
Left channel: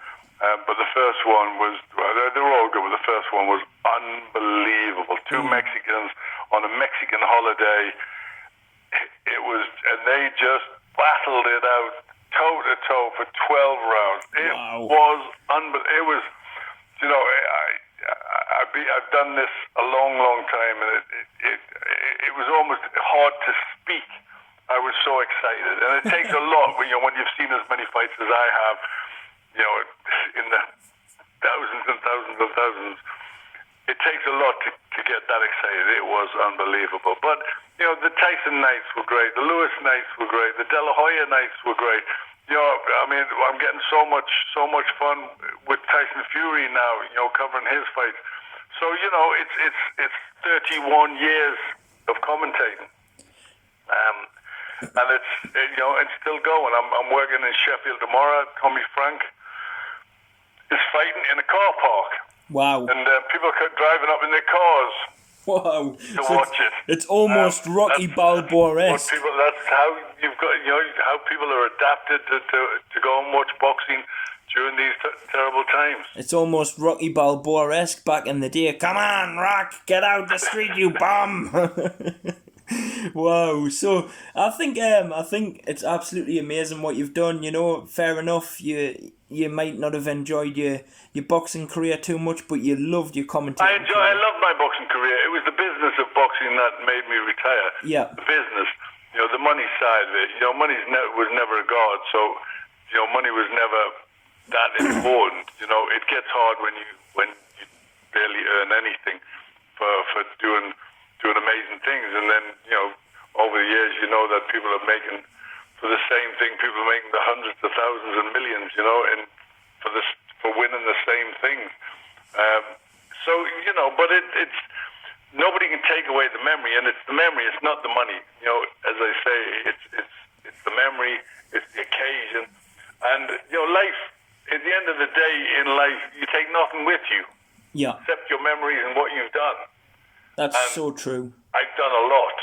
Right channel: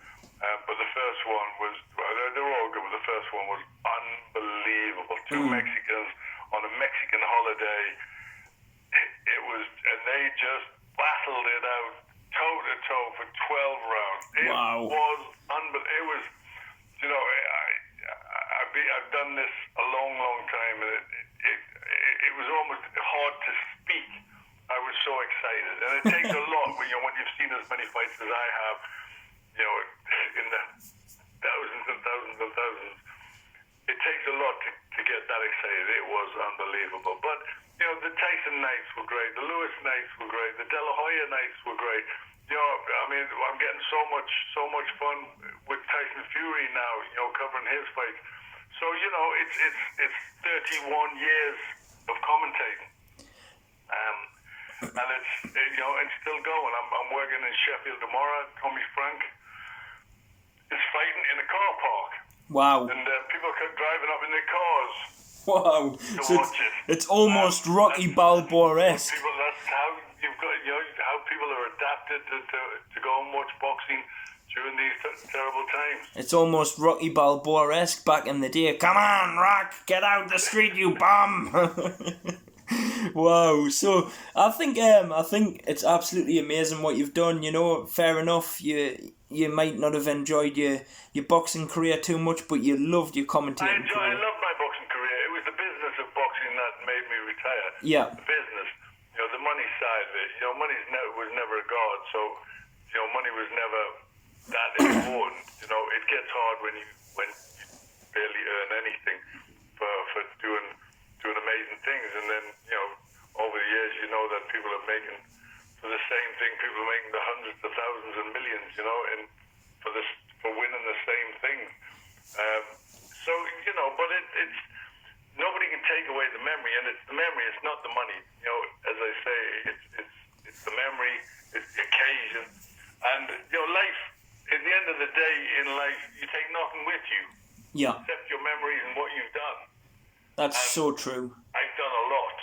But the first one was, they were all good, but the first one was unbelievable. Two Mexicans on a Mexican holiday. It was, and they just battled it out toe to toe for 12 rounds. It was unbelievable. It was, you know, I've done this a long time, and it was almost hard to speak. I was so excited, and it takes a lot when you've seen as many fights as I have, you know, in the thousands and thousands of thousands. It takes a lot to get that excited. It was unbelievable. But, you know, the Tyson nights were great. The Lewis nights were great. The De La Hoya nights were great. You know, I mean, I'm getting so much fun with Tyson Fury now, you know, covering his fights. So, you know, it's 31 years of commentating. And it's, you know, it's still going. I'm working in Sheffield tomorrow. Tommy Frank is fighting in a car park. Wow. And people are driving up in their cars Wow. to So watch it. it's almost Rocky Balboa-esque. That's how you've got, how people are adapted to go and watch boxing during these terrible times. It's almost Rocky Balboa-esque back in the day. Come on, Rock, get out the street, you bum! Wow. So I think it's absolutely amazing what you've done. Fair enough. You might not have enjoyed your boxing career too much, but you loved your commentating career. I loved my boxing career. It was the business of boxing that made me retire. Yeah. The business, the money side of it. Money was never a god, so money was never that important. It gets hard when you barely earn anything for doing amazing things, and then over the years that people are making for the same thing. People are making the hundreds of thousands and millions, and for winning the same things. But it's nobody can take away the memory, and it's the memory. It's not the money. As I say, it's the memory, it's the occasion, and life. At the end of the day, in life, you take nothing with you. Yeah. Except your memories and what you've done. That's so true. I've done a lot,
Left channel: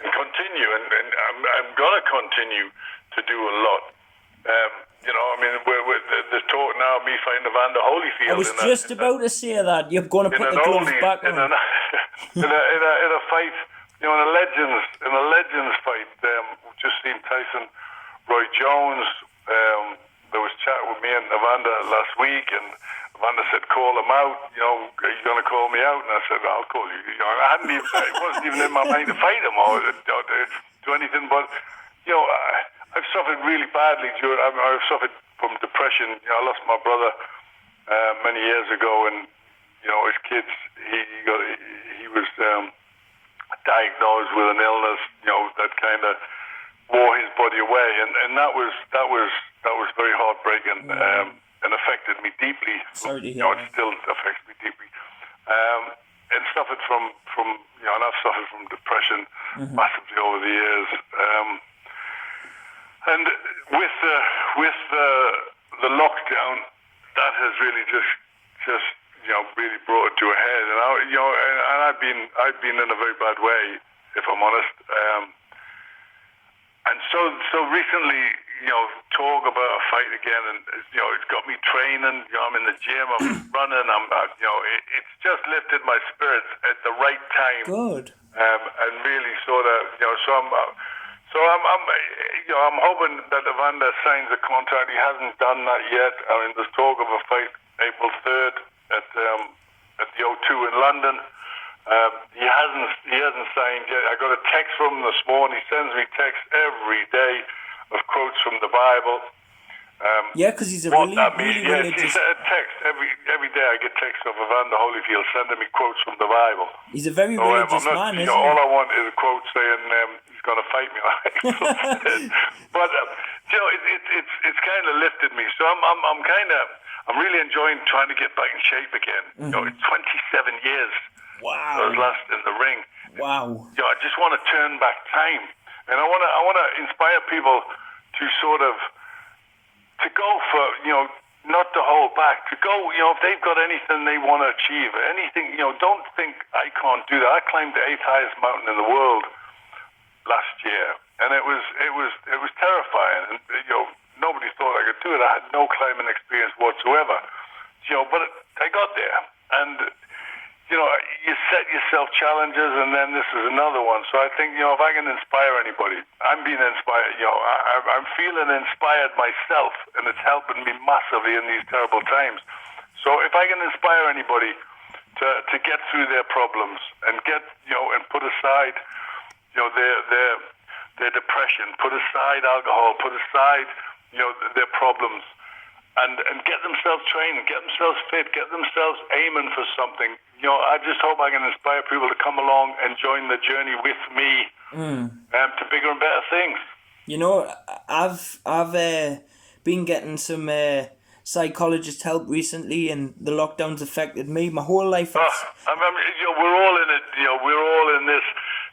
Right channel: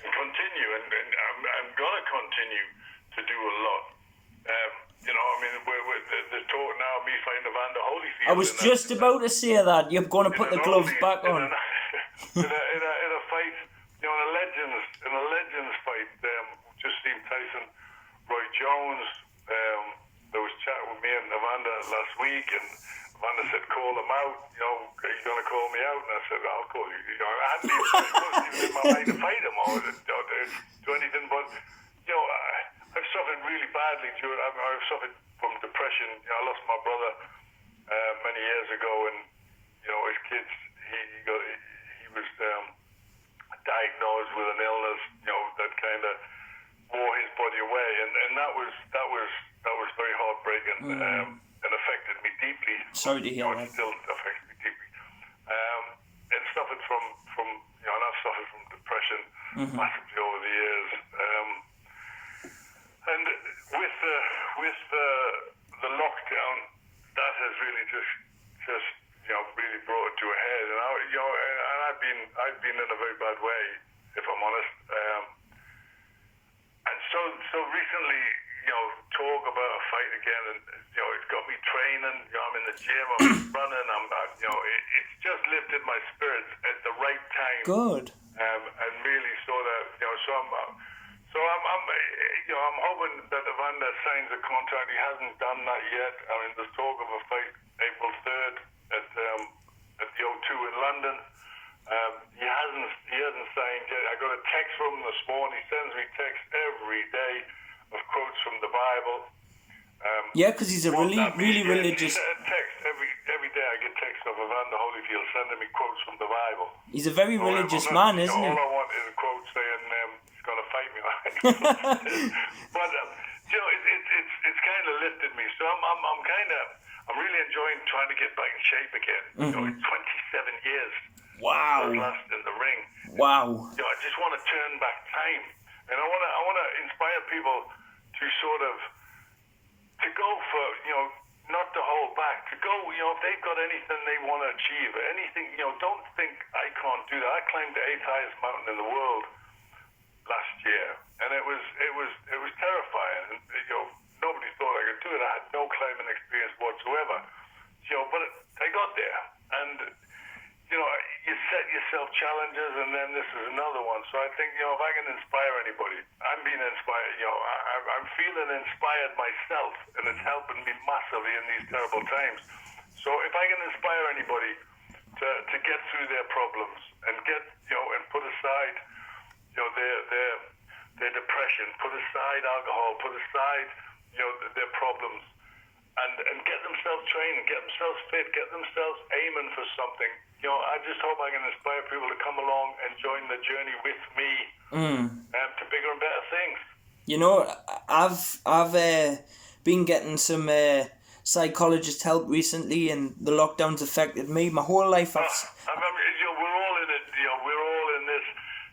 and continue, and I'm gonna continue to do a lot. There's talk now of me fighting Evander Holyfield. I was just about to say that. You're going to put the gloves back on. In a fight, in a legends fight. Just seen Tyson, Roy Jones. There was chat with me and Evander last week, and Evander said, "Call him out. Are you going to call me out?" And I said, "I'll call you." It wasn't even in my mind to fight him or do anything, but I've suffered really badly. I've suffered from depression. I lost my brother many years ago, and as kids, he was diagnosed with an illness. That kind of wore his body away, and that was very heartbreaking and affected me deeply. Sorry to hear. It still affects me deeply. And suffered from and I've suffered from depression massively over the years. And with the lockdown, that has really just really brought it to a head. And I've been in a very bad way, if I'm honest. And so recently, talk about a fight again, and it's got me training. I'm in the gym, I'm running. It's just lifted my spirits at the right time. Good. And really sort of, I'm hoping that Evander signs a contract. He hasn't done that yet. There's talk of a fight April 3rd at the O2 in London. He hasn't signed yet. I got a text from him this morning. He sends me texts every day of quotes from the Bible. Because he's a really religious. A text every day. I get texts of Evander Holyfield sending me quotes from the Bible. He's a very religious man, isn't he? All I want is a quote saying he's going to fight me. But it's kind of lifted me. So I'm really enjoying trying to get back in shape again. 27 years. Wow. I was last in the ring. Wow. I just want to turn back time, and I want to inspire people to sort of to go for not to hold back, to go if they've got anything they want to achieve, anything don't think I can't do that. I climbed the 8th highest mountain in the world last year, and it was terrifying, and nobody thought I could do it. I had no climbing experience whatsoever, but I got there, and you set yourself challenges, and then this is another one. So I think, if I can inspire anybody, I'm being inspired. I'm feeling inspired myself, and it's helping me massively in these terrible times. So if I can inspire anybody to get through their problems and get, and put aside, their depression, put aside alcohol, put aside, their problems, and get themselves trained, get themselves fit, get themselves aiming for something. I just hope I can inspire people to come along and join the journey with me to bigger and better things. I've been getting some psychologist help recently, and the lockdown's affected me. My whole life. We're all in it. We're all in this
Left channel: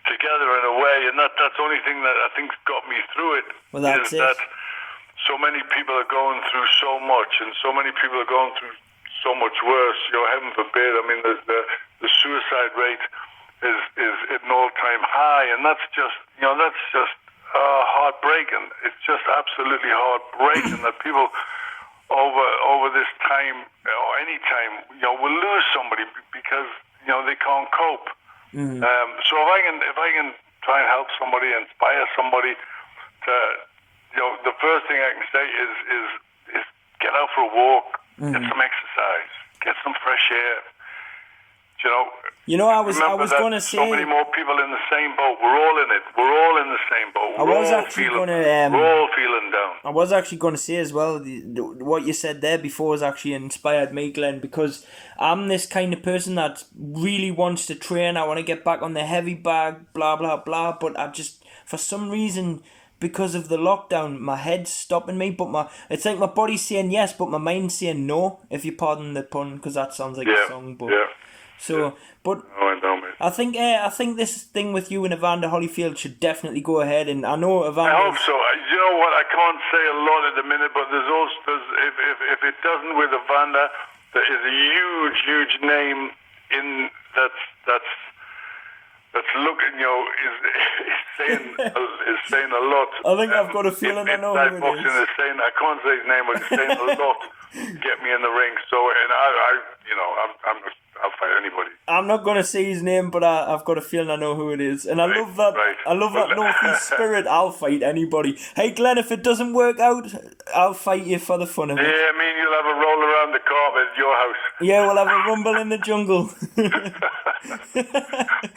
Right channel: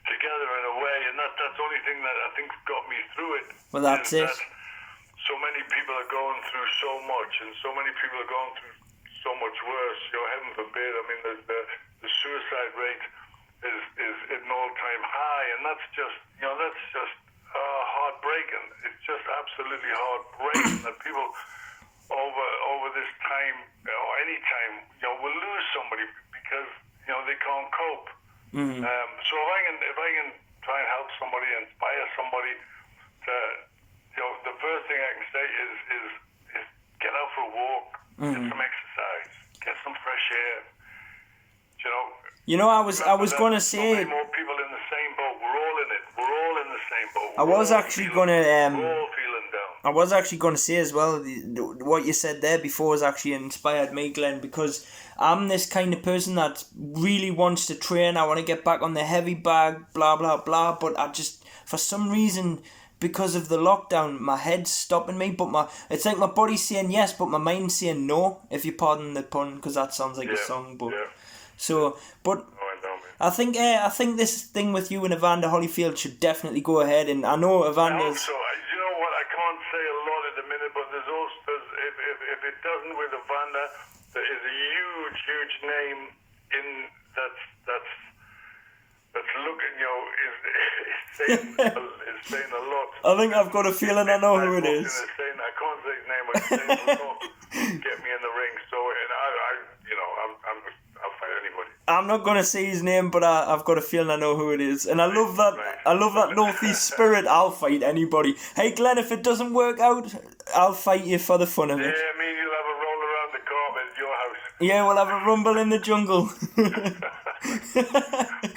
together in a way, and that's the only thing that I think's got me through it. Well, that's it. That so many people are going through so much, and so many people are going through so much worse. Heaven forbid. The suicide rate is at an all-time high, and that's just heartbreaking. It's just absolutely heartbreaking that people over this time or any time will lose somebody because they can't cope. Mm-hmm. So if I can try and help somebody, inspire somebody to, the first thing I can say is get out for a walk, get some exercise, get some fresh air. I was going to say. So many more people in the same boat. We're all in it. We're all in the same boat. I was actually going to. We're all feeling down. I was actually going to say as well. What you said there before has actually inspired me, Glenn, because I'm this kind of person that really wants to train. I want to get back on the heavy bag, blah blah blah. But I just, for some reason, because of the lockdown, my head's stopping me. But it's like my body's saying yes, but my mind's saying no. If you pardon the pun, because that sounds like a song. But but I think this thing with you and Evander Holyfield should definitely go ahead. And I know Evander. I hope so. You know what? I can't say a lot at the minute, but there's if it doesn't with Evander, there is a huge name in that's looking, is saying a lot. I think I've got a feeling I know who it is. I can't say his name, but he's saying a lot. Get me in the ring. So, and I'll fight anybody. I'm not going to say his name, but I've got a feeling I know who it is. And I love that. Right. I love that Northeast spirit. I'll fight anybody. Hey, Glenn, if it doesn't work out, I'll fight you for the fun of it. Yeah, I mean, you'll have a roll around the carpet at your house. Yeah, we'll have a rumble in the jungle.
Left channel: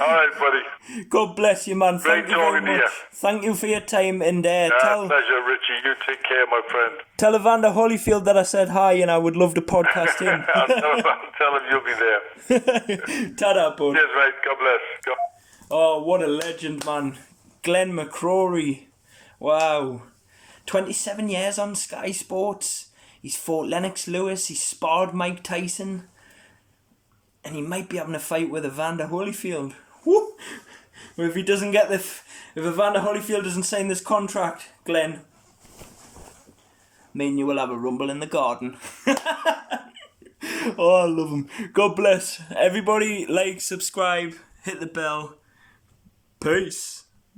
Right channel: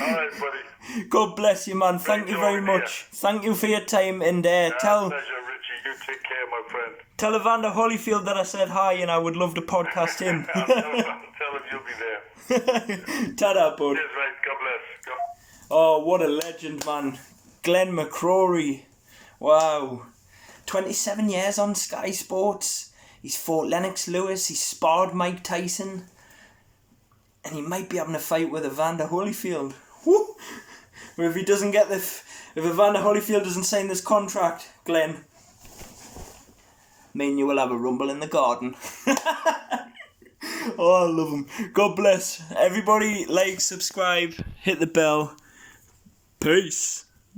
All right, buddy. God bless you, man. Thank you very much. Thank you for your time. And pleasure, Richie. You take care, my friend. Tell Evander Holyfield that I said hi and I would love to podcast him. I'll tell him you'll be there. Ta-da, bud. Cheers, mate. God bless. Oh, what a legend, man. Glenn Mcrory. Wow. 27 years on Sky Sports. He's fought Lennox Lewis. He's sparred Mike Tyson. And he might be having a fight with Evander Holyfield. Woo! If he doesn't get if Evander Holyfield doesn't sign this contract, Glenn, me and you will have a rumble in the garden. Oh, I love him. God bless. Everybody, like, subscribe, hit the bell. Peace.